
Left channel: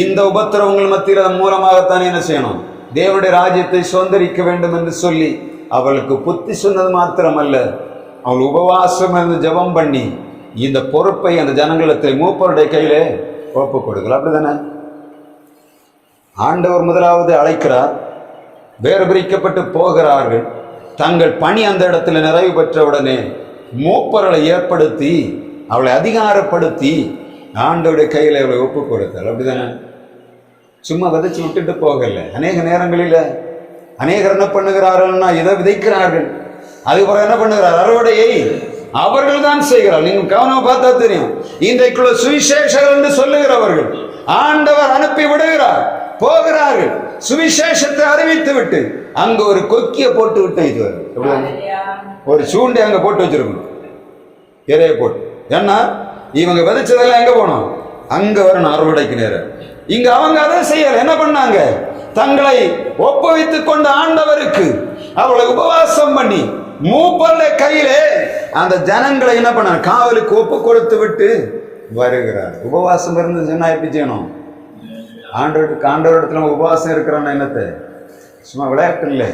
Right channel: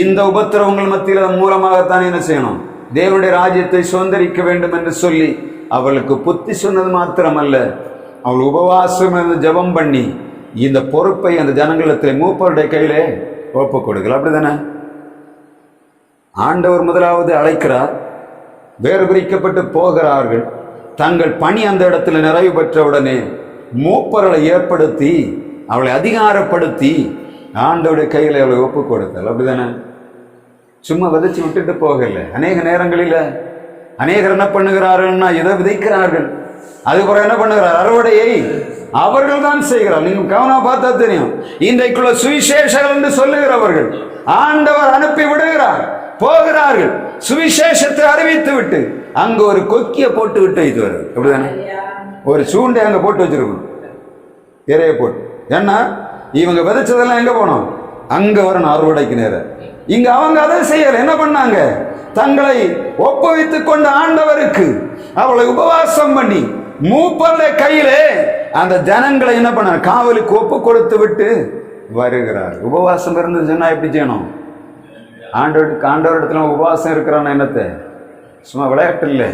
இந்த உபத்திரவங்கள் மத்தியில் மூலமாகத்தான் என்ன செய்யணும், தேவனுடைய ராஜ்யத்தை சுதந்திரிக்க வேண்டும் என்று சொல்லி அவளுக்கு புத்தி சொன்னது மாத்திரமல்ல, அவள் உபவாசம் இருந்து ஜெபம் பண்ணி இந்த பொறுப்பை அந்த ஜனங்களிடத்தில் மூப்பருடைய கையிலே ஒப்பு கொடுக்கல. அப்படிதானே ஆண்டவர் முதலாவது அழைக்கிறார், வேறு பிரிக்கப்பட்டு போகிறார்கள். தங்கள் பணி அந்த இடத்துல நிறைவு பெற்றவுடனே மூப்பர்களை ஏற்படுத்தி அவளை அதிகாரப்படுத்தி ஆண்டவருடைய கையில் அவளை ஒப்பு கொடுத்தாள். அப்படிதானே சும்மா விதைச்சு விட்டுட்டு போகல. அநேக நேரங்களில் அநேகர் என்ன பண்ணுகிறார்கள்னா இதை விதைக்கிறார்கள், அதுக்கப்புறம் என்ன பண்ணுகிறார், அறுவடையை அவர்கள் தான் செய்கிறார். நீங்க கவனமா பார்த்தா தெரியும், இன்றைக்குள்ள சுவிசேஷகர் என்று சொல்லுகிறவர்கள் ஆண்டவர் அனுப்பி விடுகிறார், போகிறார்கள், சுவிசேஷத்தை அறிவித்து விட்டு அங்க ஒரு கொக்கிய போட்டு விட்டு இது வருது. அப்படிதானே ஒரு சூண்டை அங்க போட்டு வச்சிருக்கணும், இறைய போட்டு. ஏன்னா இவங்க விதைச்சதெல்லாம் எங்க போனோம், அங்க வரணும் அறுவடைக்கு நேரம். இங்க அவங்க அதை செய்யல, என்ன பண்ணாங்க, தங்களை ஒப்புவித்துக் கொண்ட ஆண்டவருக்கு அவளை உபவாசம் பண்ணி மூப்பருடைய கையிலே அந்த ஜனங்களை என்ன பண்ண காவலுக்கு ஒப்பு கொடுத்து விட்டு வருகிறார். உபவாசம் இருந்து சொன்னா எப்படி செய்யணும், ஆண்டவரிடத்துல உபவாசம் இருக்கிறவன என்னத்தை சும்மா விளையாட்டு இல்லை.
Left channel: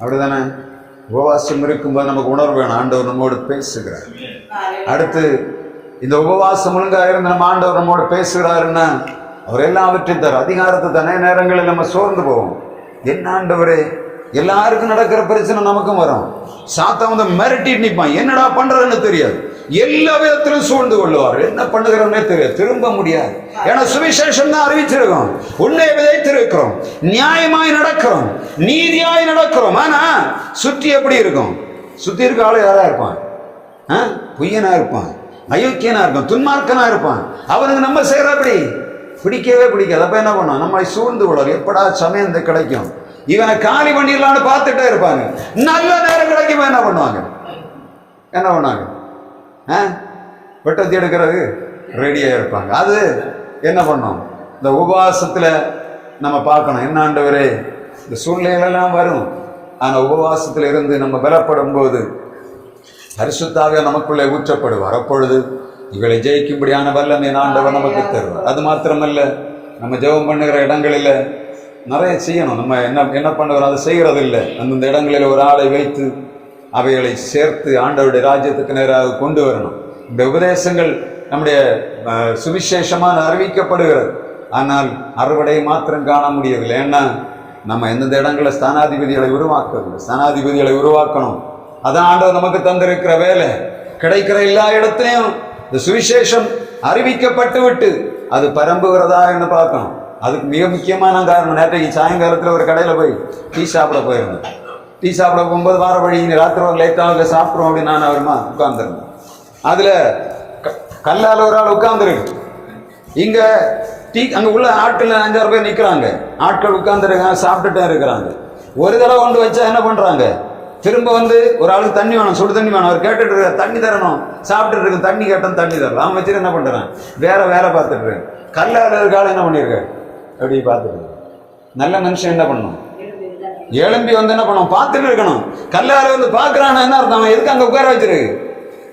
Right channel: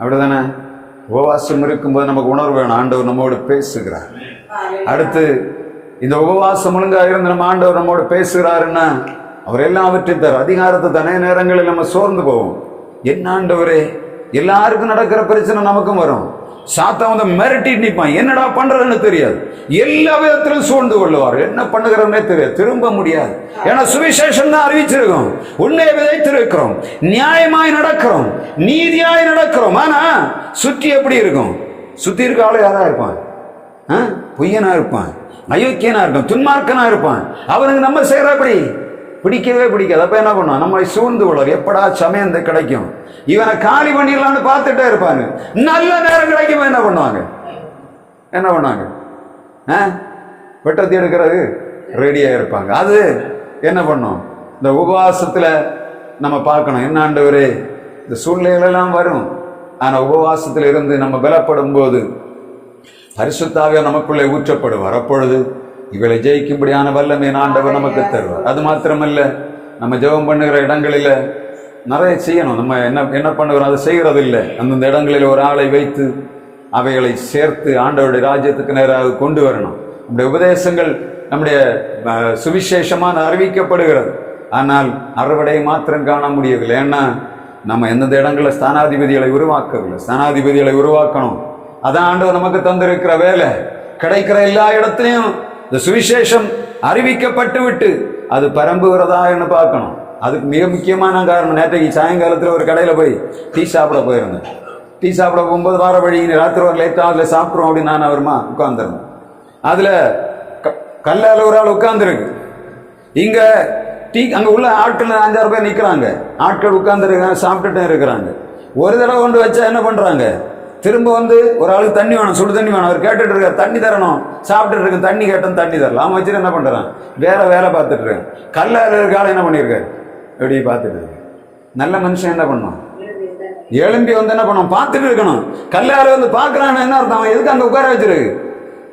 அப்படிதானே உபவாசம் இருக்கும்போது நமக்கு உணர்வு வேணும், ஆண்டவர் நம்மோடு பேசுகிறார். அடுத்து இந்த உபவாசம் ஒழுங்காக இருந்து நம்ம ஆண்டவர் நம்மோடு பேசுகிறாருன்னா அவர் எல்லாவற்றையும் தர அதிகாரத்தை தனி நேரங்களில் நம்ம சோர்ந்து போவோம். என்ன ஆண்டவரே, எல்லாருக்கும் நடக்கிற பிரச்சனை நமக்கும் வரும். சாத்தான் வந்து மிரட்டிட்டு நிற்பான், என்னடா பண்றதுன்னு தெரியாது, எல்லா விதத்திலும் சூழ்ந்து கொள்ளுவார், என்ன பண்ணுகிறோம்னே தெரியாது, திரும்ப முடியாது. ஏன்னா சுவிசேஷம் தான் அறிவிச்சிருக்கோம், உன்னையை விதைத்திருக்கிறோம், நியாயமாய் நடக்கிறோம், நீதியாய் நடக்கிறோம். ஆனா சுற்றி எப்படி இருக்கும், சுத்தி இருக்க ஆளு யாரா இருப்பான், பொய்யனா இருப்பான், அயோக்கியனா இருப்பான், துன்மார்க்கனா இருப்பான். அவனுக்கு நம்ம செய்யறபடி பிடிக்கவே பிடிக்காது. அப்ப என்ன பண்ணுவோம், நம்மளை சூழ்ந்து கொள்வார், எப்படா சமயம் கிடைக்கும், இவனை காலி பண்ணிடலான்னு பார்த்துட்டே இருப்பாங்க. நல்ல நேரம் கிடைக்கும் என்ன பண்ணுவாங்க, வெட்டத்தி எடுக்கிறது ரெடியா இருப்பாங்க. அது என்ன பண்ணும், இந்த உபவாசத்துல நம்ம பார்க்கணும், என்ன ஆண்டவரே இந்த சூழ்நிலைகளெல்லாம் வரும், ஆனா உபவாசத்துல இருந்து நம்ம பலப்படும் போது பரிசுத்தாவியா நமக்குள்ளே ஊற்றப்படுவார். அப்பொழுது இவளை ஜெயிக்கும்படியான வல்லமை ஆண்டவர் நமக்கு தருவார். அது மாத்திரமல்ல, நம்ம ஜெபம் பண்ணுகிற இடங்களில் நிறைய செய்யணும். நம்ம என்ன பண்ணுகிறோம், அதை செய்கிறது இல்லை. அந்தந்த இடங்களில் ஒரு ஆளை வைத்து அவைகளை சேர்த்து ஆண்டவருடைய ராஜ்யத்துக்கு நேராக கொண்டு வரணும். நம்முடைய உபதேசங்கள் நம்முடைய சுவிசேஷமான அறிவிக்கப்படுகிறது, ஆனால் அறுவடை மாத்திரம் காண முடியவில்லை. ஏன்னா நம்ம எந்தெந்த இடங்களில் ஸ்தானாதிபதிகளை உருவாக்கவில்லை. ஸ்தானாதிபதிகளை உருவாக்கணும், அதான் ஆண்டவர் நமக்கு தந்திருக்கிற வேலை. கிடைக்கிற எல்லா இடத்துலையும் இந்த சுவிசேஷம் அறிவிக்கப்பட்டு விட்டு அது பரம்புகிறதா என்று பார்க்கணும். அதுக்கு மிக முக்கியமான காரணம், நேற்றைக்கு சாயங்காலத்தில் ஒரு கடையில் போய் டீ சாப்பிட போயிருந்தேன். டீ சாப்பிட போகும்போது வார வழி ராத்திரி ஒரு லேட்டாக அதில் சாப்பிட்றோம் அப்படின்னு நான் அவருமா உட்கார்ந்துருந்தேன். அதில் கல்லால் ஒரு ஆள் உட்கார்ந்துருக்கு. இங்கே டீ அங்கே உள்ள ஆட்கள் 5-6 பேர் நிற்கிறாங்க, ஆட்கள் உட்கார்ந்துருக்காங்க, சாப்பிட்டுட்டே இருக்கிறாங்க. ஒரு தடவை கொண்டு வச்சா என்ன பண்ணுறாங்க, திரும்ப வந்து ஒரு ஆளுக்கு தண்ணி வேணும், சுடு தண்ணி வேணும், அவர் கேட்டுட்டு இருக்க தண்ணி தரணும், சாப்பிட்டுட்டு இருக்கு, தண்ணி கேட்டோம் தண்ணி தரலாம். அவன் வச்சுட்டு என்ன பண்ணுறான், வேற வேலை பார்த்துட்டு இருக்கேன். கல்லால் இருக்க ஆள் என்ன பண்ணியிருக்காரு, எப்படி பார்த்துட்டு இருக்கு. நல்ல மனுஷன் என்ன பண்ணணும், எழும்பி வந்து என்ன பண்ணணும், பார்த்துட்டு இருக்கணும். கல்லால வந்து பார்க்கறான்னு என்ன அர்த்தம், அவன் எதுக்கு அங்கே உட்கார வச்சிருக்கு,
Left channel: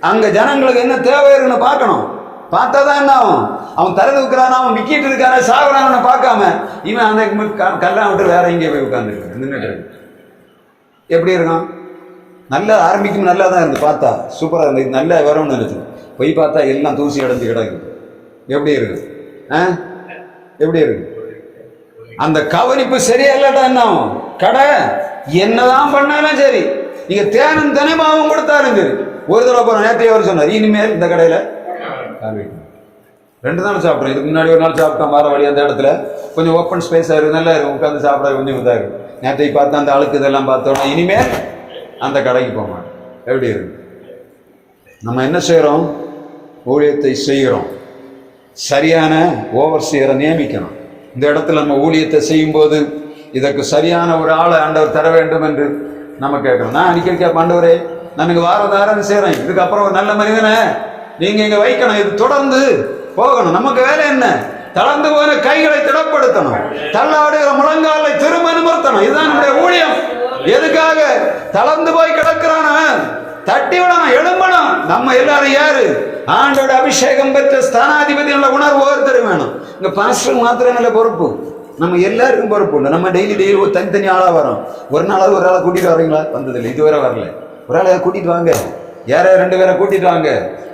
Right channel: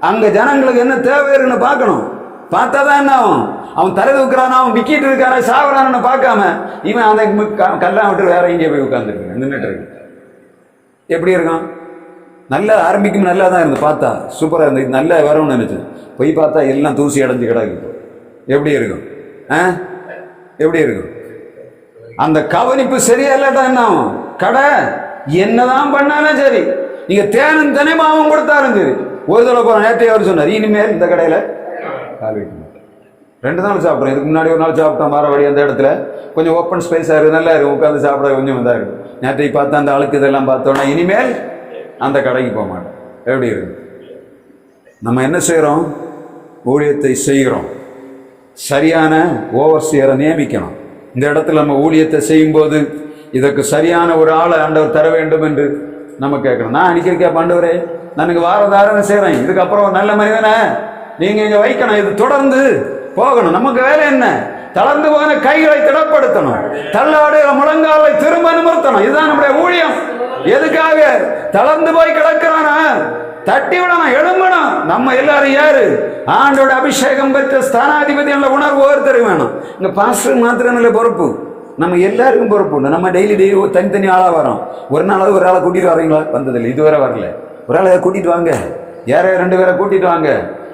அங்கே ஜனங்களுக்கு என்ன தேவை இருக்குன்னு பார்க்கணும். பார்த்தா தான் என்ன ஆகும், அவன் தலை தூக்குறான், அவன் விக்கிட்டு இருக்கான சாகுறான்னு பார்க்காம இவன் அந்த கல்லா விட்டு வேற இங்கே போய் உட்காந்துருக்கு, நின்றுட்டு இருக்கு. எப்படி இருக்கும், நல்லா ஆரம்பிக்கும், நல்லா தான் இருந்து பார்த்தா சூப்பராக இருந்து, இது நல்லா வரும்னு நினைச்சு போய் பார்த்தா எல்லாம் தூசி அடைஞ்சு கிடக்கு. எப்படி இருக்கும், எப்படி இருக்கும். அந்த கவனிப்பு சரியா இல்லடா என்ன கடை என்னதான் பண்ணாலும் சரி, நீங்க தேனும் தினமாவும் கொடுத்தாலும் சரி. ஒரு தடவை போன நேரத்தையே அவர் சொன்னார், இனிமேல் இந்த கடையில கால் வைக்க மாட்டேன். 2 நாள் சாப்பிட்றேன். இதுக்கு முன்னாடி ஒரு நாள் சாப்பிட்டேன் மாறவழி, அந்த இடத்துல கொஞ்சம் ஓப்பன் ஸ்பேஸா இருக்கு, நல்லா இருக்கு, உட்காந்து சாப்பிட கொஞ்சம் இதாக இருக்கு. நேற்றை பார்த்து அந்த ஆளுக்கு இதெல்லாம் பார்த்தோன்னா இனிமேல் அந்த கடைக்கு போக மாட்டேன். எப்படி இருக்கு? நம்ம என்ன செய்யறோம்? ஊழியத்தை செய்கிறோம், சரியான ஓவர்சியரை நியமிக்கணும். இந்த இடத்துல நம்ம ஊழியத்தை செய்யும் போது இதற்கு சரியான ஒரு ஆளை ஆண்டவர் தர வேண்டும் என்று நம்ம கேட்கணும். நான் அடிக்கடி கேட்பேன், ஆண்டவரே நான் வாரம் செய்யறேன், இதுக்கப்புறம் ஒரு நல்ல மனிதனை நீங்க இங்க வைக்கணும், இது தொடர்ந்து போகணும். நமக்கு வேலை என்ன? தளர்ந்து போன கைகளை திடப்படுத்தணும், தள்ளாடுகிற முழங்காலை திரும்ப நிமிர்த்தணும். இதுதான் நம்முடைய ஊழியம். எதுக்காக? தளர்ந்து போய் கிடக்கிறானா தட்டி விடணும், எழும்பணும். நம்ம எல்லாரும் யாரு? ஆண்டோட அபிஷேகம் பெற்ற ஸ்தானாதிபதி என்ற உணர்வு ஒவ்வொருத்தரும் வேணும். இங்க பாஸ்டர் மாத்திரம் இல்லை பொறுப்பு, நம்ம எல்லாருக்கும் பொறுப்பு உண்டு. நம்ம டெய்லி தனித்தனி ஆளா வரோம். ஒரு நாளாவது ஒரு ஆளை கூட்டிட்டு வரீங்களா? வந்ததில்லை, இதுவரை வரல. ஒரு ஆளை கூட்டிட்டு வாங்க, யாரையா 2 பேரை கூட்டிட்டு வாங்க,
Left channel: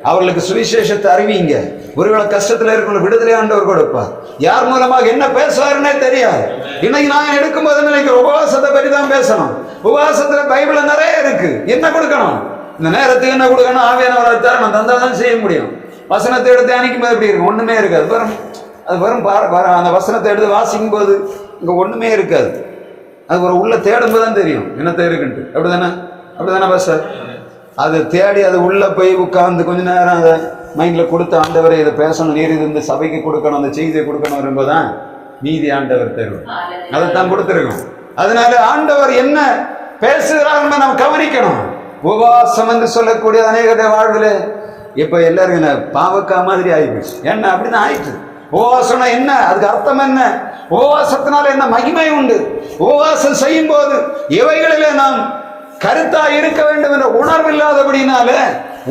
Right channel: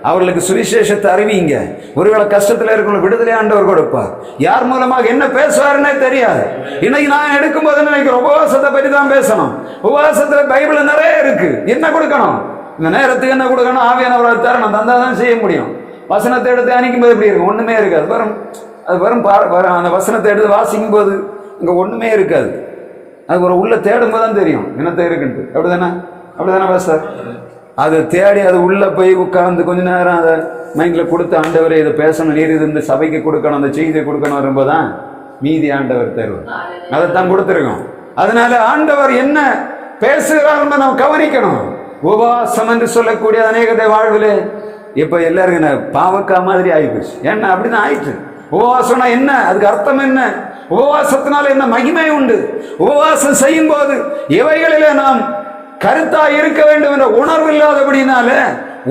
அவர்களுக்கு சுவிசேஷத்தை அறிவிங்க. ஒருவேளை கஷ்டத்துல இருக்கணும், விடுதலை ஆண்டவர் கொடுப்பார். யார் மூலமாக என்ன பேசுவாருன்னே தெரியாது. இன்னைக்கு நான் எடுக்கும்போது நினைக்கிறேன், உபவாசத்தை பற்றி தான் பேசணும். உபவாசத்துல பைபிள்ல நிறைய இருக்கு. என்ன கொடுக்கணும்? இந்த நேரத்துக்கு என்ன கொடுக்கணும்? ஆவியானவரால் தரணும், தந்தாதான் செய்ய முடியும். வசனத்தை எடுத்து தியானிக்கும் போது எப்படி இருக்கும்? ஒண்ணுமே இருக்காது. அது வரும் அந்த வசனத்தை எடுத்து வாசிக்கும் போது இங்க ஒண்ணுமே இருக்காது. அது ஒரு உள்ள தேடும் போது தான் தெரியும் என்னத்தை இருக்குன்ட்டு. அப்படிதானே பாஸ்டர்? அதை தேடி அது உள்ள போய் உட்கார்ந்து கொஞ்ச நேரம் அதை மைண்ட்ல கொடுத்த ஆண்டவரை இதை பேசணும், நீர் இது இந்த சபைக்கு கொடுக்கணும், அந்த செய்தியை கொடுக்கணும் வரும்போதுதான் மீதி ஆண்டவர் தருவார். அதைத்தான் கொடுத்துருக்கோம். அதனால ஆண்டவர் என்ன பேசுகிறார் நாம் கவனிக்கணும். உபவாசம் என்று சொல்லக்கூடிய அநேகத்தை வாழ்வில் இப்ப எல்லாரும் என்ன பாவக்கா மாதிரி ஆயிப்போச்சு. என்ன அப்படிதான் ஆயிடுச்சு. உபவாசம்னா என்ன? அதுக்கு அர்த்தம் என்ன? உபவாசத்தினால என்ன மகிமை உண்டு? உபவாசம் செய்யும் போது எவைகளிலே நாம் கருத்தா இருக்க வேண்டும் என்ற உணர்வு இல்லாதபடினால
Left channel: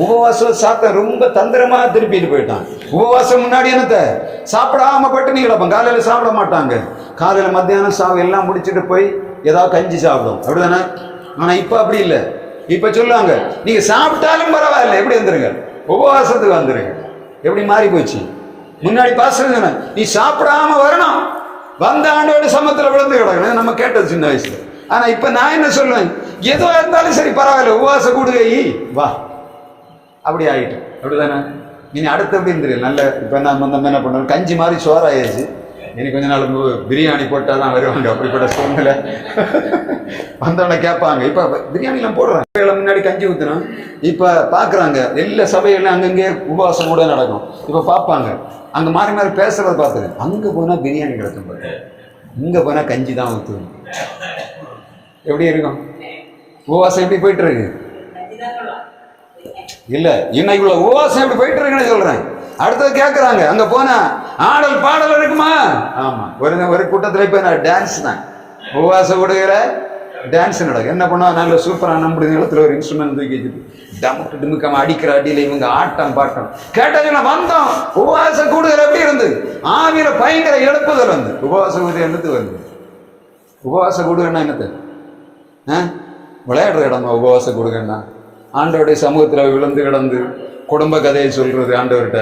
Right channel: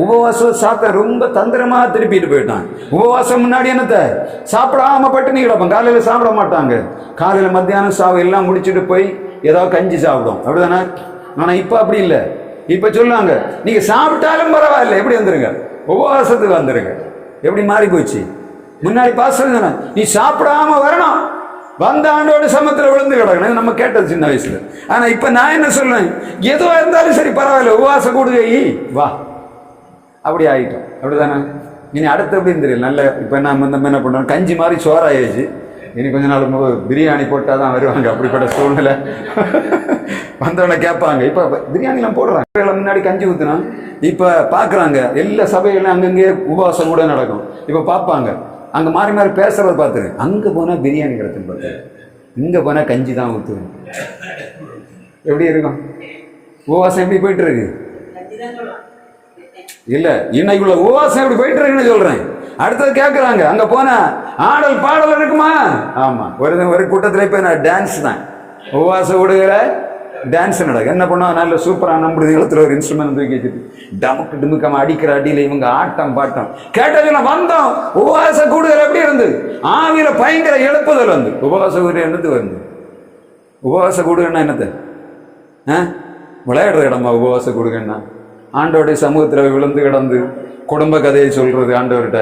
உபவாசம் சாப்பிட்ட ரொம்ப தந்திரமா திருப்பிட்டு போயிட்டான். உபவாசம் முன்னாடி என்னத்த சாப்பிடாம பட்டினி கிடப்போம். காலையில சாப்பிட மாட்டாங்க. காலையில மத்தியானம் சாவு எல்லாம் முடிச்சுட்டு போய் ஏதாவது கஞ்சி சாப்பிடும், அப்படிதானே? ஆனா இப்ப அப்படி இல்லை. இப்ப சொல்லுவாங்க, நீங்க சாப்பிட்டாலும் பரவாயில்ல, எப்படி வந்துருங்க, உபவாசத்துக்கு வந்துருங்க. எப்படி மாறி போச்சு? முன்னாடி பாசம் நீ சாப்பிடாம வரணும், வந்த ஆண்டோட சமத்துல விழுந்து கிடக்கணும், நம்ம கேட்டது சின்ன வயசுல. ஆனா இப்ப நான் என்ன சொல்றேன், எதுவா இருந்தாலும் சரி பரவாயில்ல, உபவாச கூடுகை வா, அப்படி ஆயிட்டோம். அப்படிதானே? இனி அடுத்து எப்படின்னு தெரியல. நல்ல இப்ப நம்ம என்ன பண்றோம், கஞ்சி மாதிரி சோறாயிடுச்சு. இனி கொஞ்ச நாள் பிரியாணி போட்டாதான் வருவாங்க. அப்படிப்பட்ட சூழ்நிலை வந்தவனை கேட்பாங்க. இப்ப பிரியாணி எல்லாம் போடுறாங்க, முன்னாடி கஞ்சி ஊத்துறோம். இப்ப பாக்குறாங்க எல்லா சபைகள்லாம் அங்கங்கே உபவாசம் கூட நடக்கும். இப்ப பார்ப்பாங்க, அங்க மாறி மாறி பேசுறத பார்த்துருங்க. அங்க போனா பிரியாணி கிடைக்கும், பார்த்து இங்க போனா கஞ்சி தான் ஊத்துவோம். எப்படி இருக்கும்? உபவாசம் எப்படி போயிட்டு இருக்கு? இல்ல, இன்னைக்குள்ள உபவாசம் எப்படி போயிட்டு இருக்குன்னு சொல்றேன். அடுத்தது கேட்கறாங்க, அங்க போனா ஆடல் பாடல் இருக்குமா? ஆமா, ஒரு கூட்டத்துல இப்ப டான்ஸ் தான், உபவாச விடுகிற டான்ஸ் நடக்கும். என்ன பண்ணுவோம், நல்ல சூப்பரா நம்முடைய நிலத்துல ஒரு இன்ஸ்ட்ருமெண்ட் தூக்கி டமுக்கு டுமுக்காம அடிக்கிற அடியில இவங்க ஆட்டம் பாட்டம் கேட்டதுல வந்தோம். உபவாசம் கூடுதல் எப்படி இருந்து ஆவியில பயங்கர எழுப்புதல் வந்து உபவாச கூடுதல் என்னது வந்து. உபவாச கூடுகன்னா என்னத்த விளையாடுற இடமா? உபவாச கூடுகன்னா ஆண்டவருடைய சமூகத்துல விழுந்து கிடந்து குடும்ப கதையை சொல்றது, ஆண்டவர்கிட்ட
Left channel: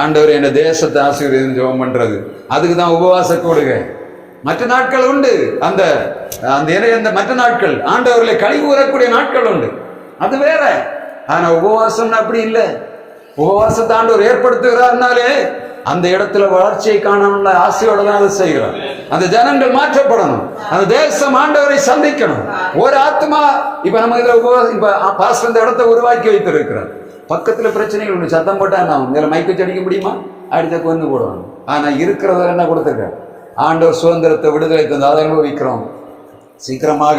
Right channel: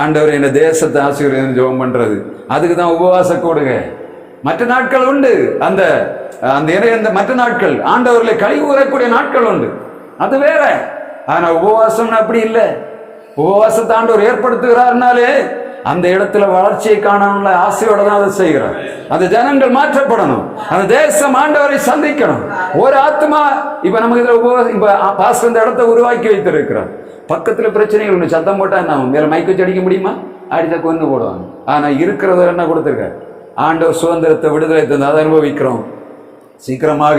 ஆண்டவர் என்ன தேசத்தை ஆசீர்வாதம் ஜெபம் பண்றது, அதுக்கு தான் உபவாச கூடுக. மற்ற நாட்கள் உண்டு, அந்த மற்ற நாட்கள் ஆண்டவர்களை கழிவு கூறக்கூடிய நாட்கள் உண்டு, அது வேற. ஆனா உபவாசம் அப்படி இல்லை. உபவாசத்தை ஆண்டவர் ஏற்படுத்துகிறார்னாலே அந்த இடத்துல வளர்ச்சியை காணணும்ல ஆசையோட தான் அதை செய்கிறார். அந்த ஜனங்கள் மாற்றப்படணும், அந்த தேசம் ஆண்டவரை சந்திக்கணும். ஒரு ஆத்மா இப்ப நம்ம இதுல இப்ப பாஸ்டர் இந்த இடத்தை உருவாக்கி வைத்திருக்கிறார். பக்கத்துல பிரச்சனைகள் ஒண்ணு சத்தம் போட்டா நான் மேல மைக்கு வச்சு அடிக்க முடியுமா? அடித்த கொண்டு போடுவாங்க. ஆனா இருக்கிறத என்ன கொடுத்துருக்காரு ஆண்டவர்? சுதந்திரத்தை, விடுதலை தந்து அதை அனுபவிக்கிறோம். சீக்கிரமாக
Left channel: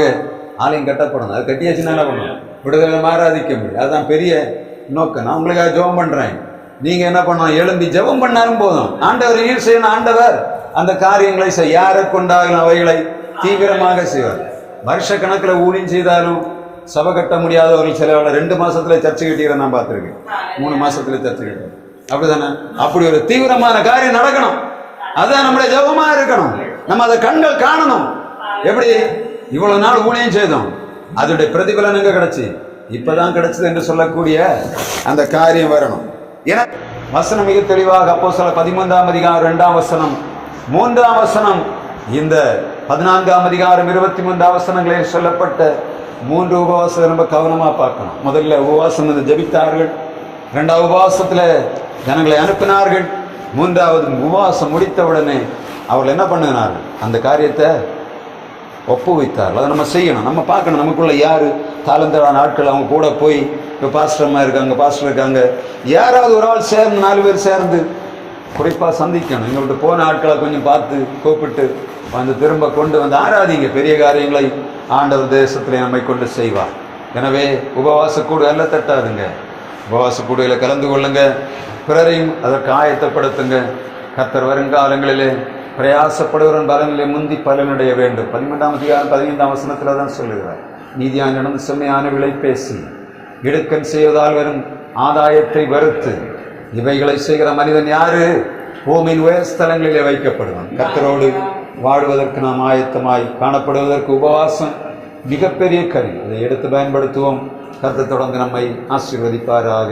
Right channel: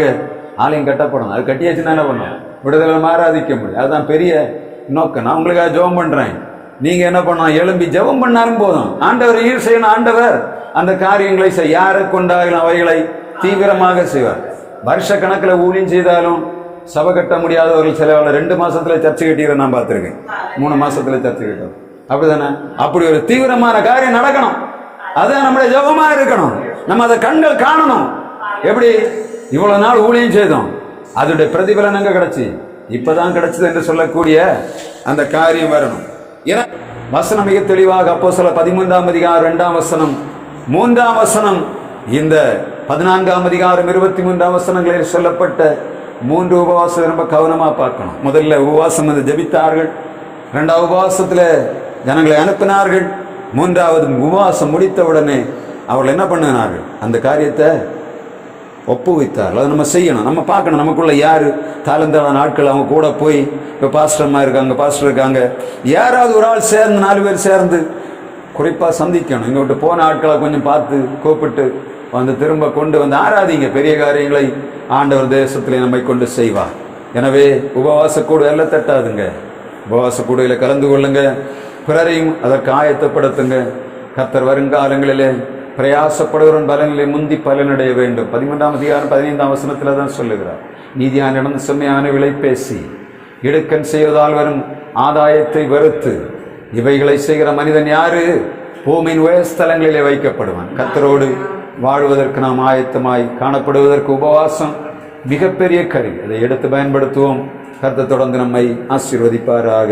ஆலயம் கட்டப்படும். அது கட்டியாச்சுன்னா என்ன பண்ணும்? விடுதலை மாறாதிக்க முடியும். அதுதான் பெரிய நோக்கம். நான் உங்களுக்காக ஜெபம் பண்றேன். நீங்க என்ன பண்ணலாம்? எழும்பி ஜெபம் பண்ணாலும் போதும். ஆண்டவர் ஈர் செய்யணும். ஆண்டவர் அந்த காரியங்களை யாரை கொண்டாலும் அவைகளை தீவிரமாக செய்வார். வருஷ கணக்கில் ஊழியம் செய்தாலும் சபை கட்ட முடியாதவர்கள் சில 2 மாசத்துல சர்ச்சை கட்டிக்கிற நான் பார்த்துருக்கேன். 3 மாசத்துல சர்ச்சை கட்டுறோம். அப்படிதானே? அப்படி ஒரு தீவிரமான காரியம் நடக்கணும். அதான் நம்முடைய ஜெபமா இருக்கணும். நம்ம அதை கண்கள் காணணும். எப்படி இவ்வளவு நாள் ஊழியம் செய்தோம், அதோடைய பிரதிபலன் எங்க கிடைச்சி? இப்பதான் கிடைச்சது என்று சொல்லக்கூடிய அந்த காரியம் வரணும். ஏன்னா வசனம் மிக தெளிவாக அப்போஸ்தலர் 13ஆம் அதிகாரம் 2ஆம் வசனம் 3ஆம் வசனம் இந்த 14ஆம் அதிகாரம் 23 வசனங்களில் சொல்லப்பட்ட 3 உபவாசத்தை ரொம்ப கவனமா பார்க்கணும். முதல்ல உபவாசம் வந்து ஜெபித்தார்கள், 2வது உபவாசத்துல ஜனங்களை அனுப்பினார்கள், 3வது உபவாசம் முடித்தவுடனே அவர்கள் என்ன பண்ணினார்கள்? அந்த காரியத்தை ஒப்புவித்தார்கள். அதை நம்ம செய்யணும், நம்ம பார்க்கணும். நமக்குள்ள யாரு தாளந்தாளான ஆட்கள், அவங்க கூட போய் இப்போ பாஸ்டர்மா இருக்காங்க, பாஸ்டர் இருக்காங்க, யாராவது ஒரு ஆள் சேர்ந்து 4 பேர் சேர்ந்து குறிப்பாக சந்திக்கணும். எங்க விட்டு போன ஆட்களை கொஞ்சம் பார்த்து கூப்பிட்டு வந்து திரும்ப கொண்டு வந்து ஆராதிங்க. பெரிய காரியங்களை ஆண்டவர் தேசத்திலே நம்மை கொண்டு செய்வார். எனவே உபவாச கூடு எல்லாம் தட்டாதுங்க. உபவாச கூடுகளை கலந்து கொள்ளுங்க, பிறரையும் அதற்கு ஆயத்தப்படுத்துங்க. கர்த்தர் வருங்காலங்களிலே பிரயாசப்படுவரன் பலனிலே முந்தி பலனடைய வேண்டும். 13ஆம் அதிகாரம் 15ஆம் வசனத்தில் தான் சொல்லுகிறார். நீதியானிடம் செம்மையான விலை பேசி இடுக்கன் செய்வதால் வரும் ஆதாயத்தை வெறுத்து இவைகளை செய்கிற மனிதன் யாரு? பூமியின் உயர்ஸ்தலங்களிலே வைக்கப்படுவான். கர்த்தரோடு வாழ்வதற்கு நாம் ஆயத்தமாய் காணப்படுவதற்கு உபவாசம் மிகப்பெரிய கருவி. அதை எடுத்து பயன்படுத்துவோம். கர்த்தர் தொடர்ந்து நம்மை ஆசீர்வதிப்பாராக.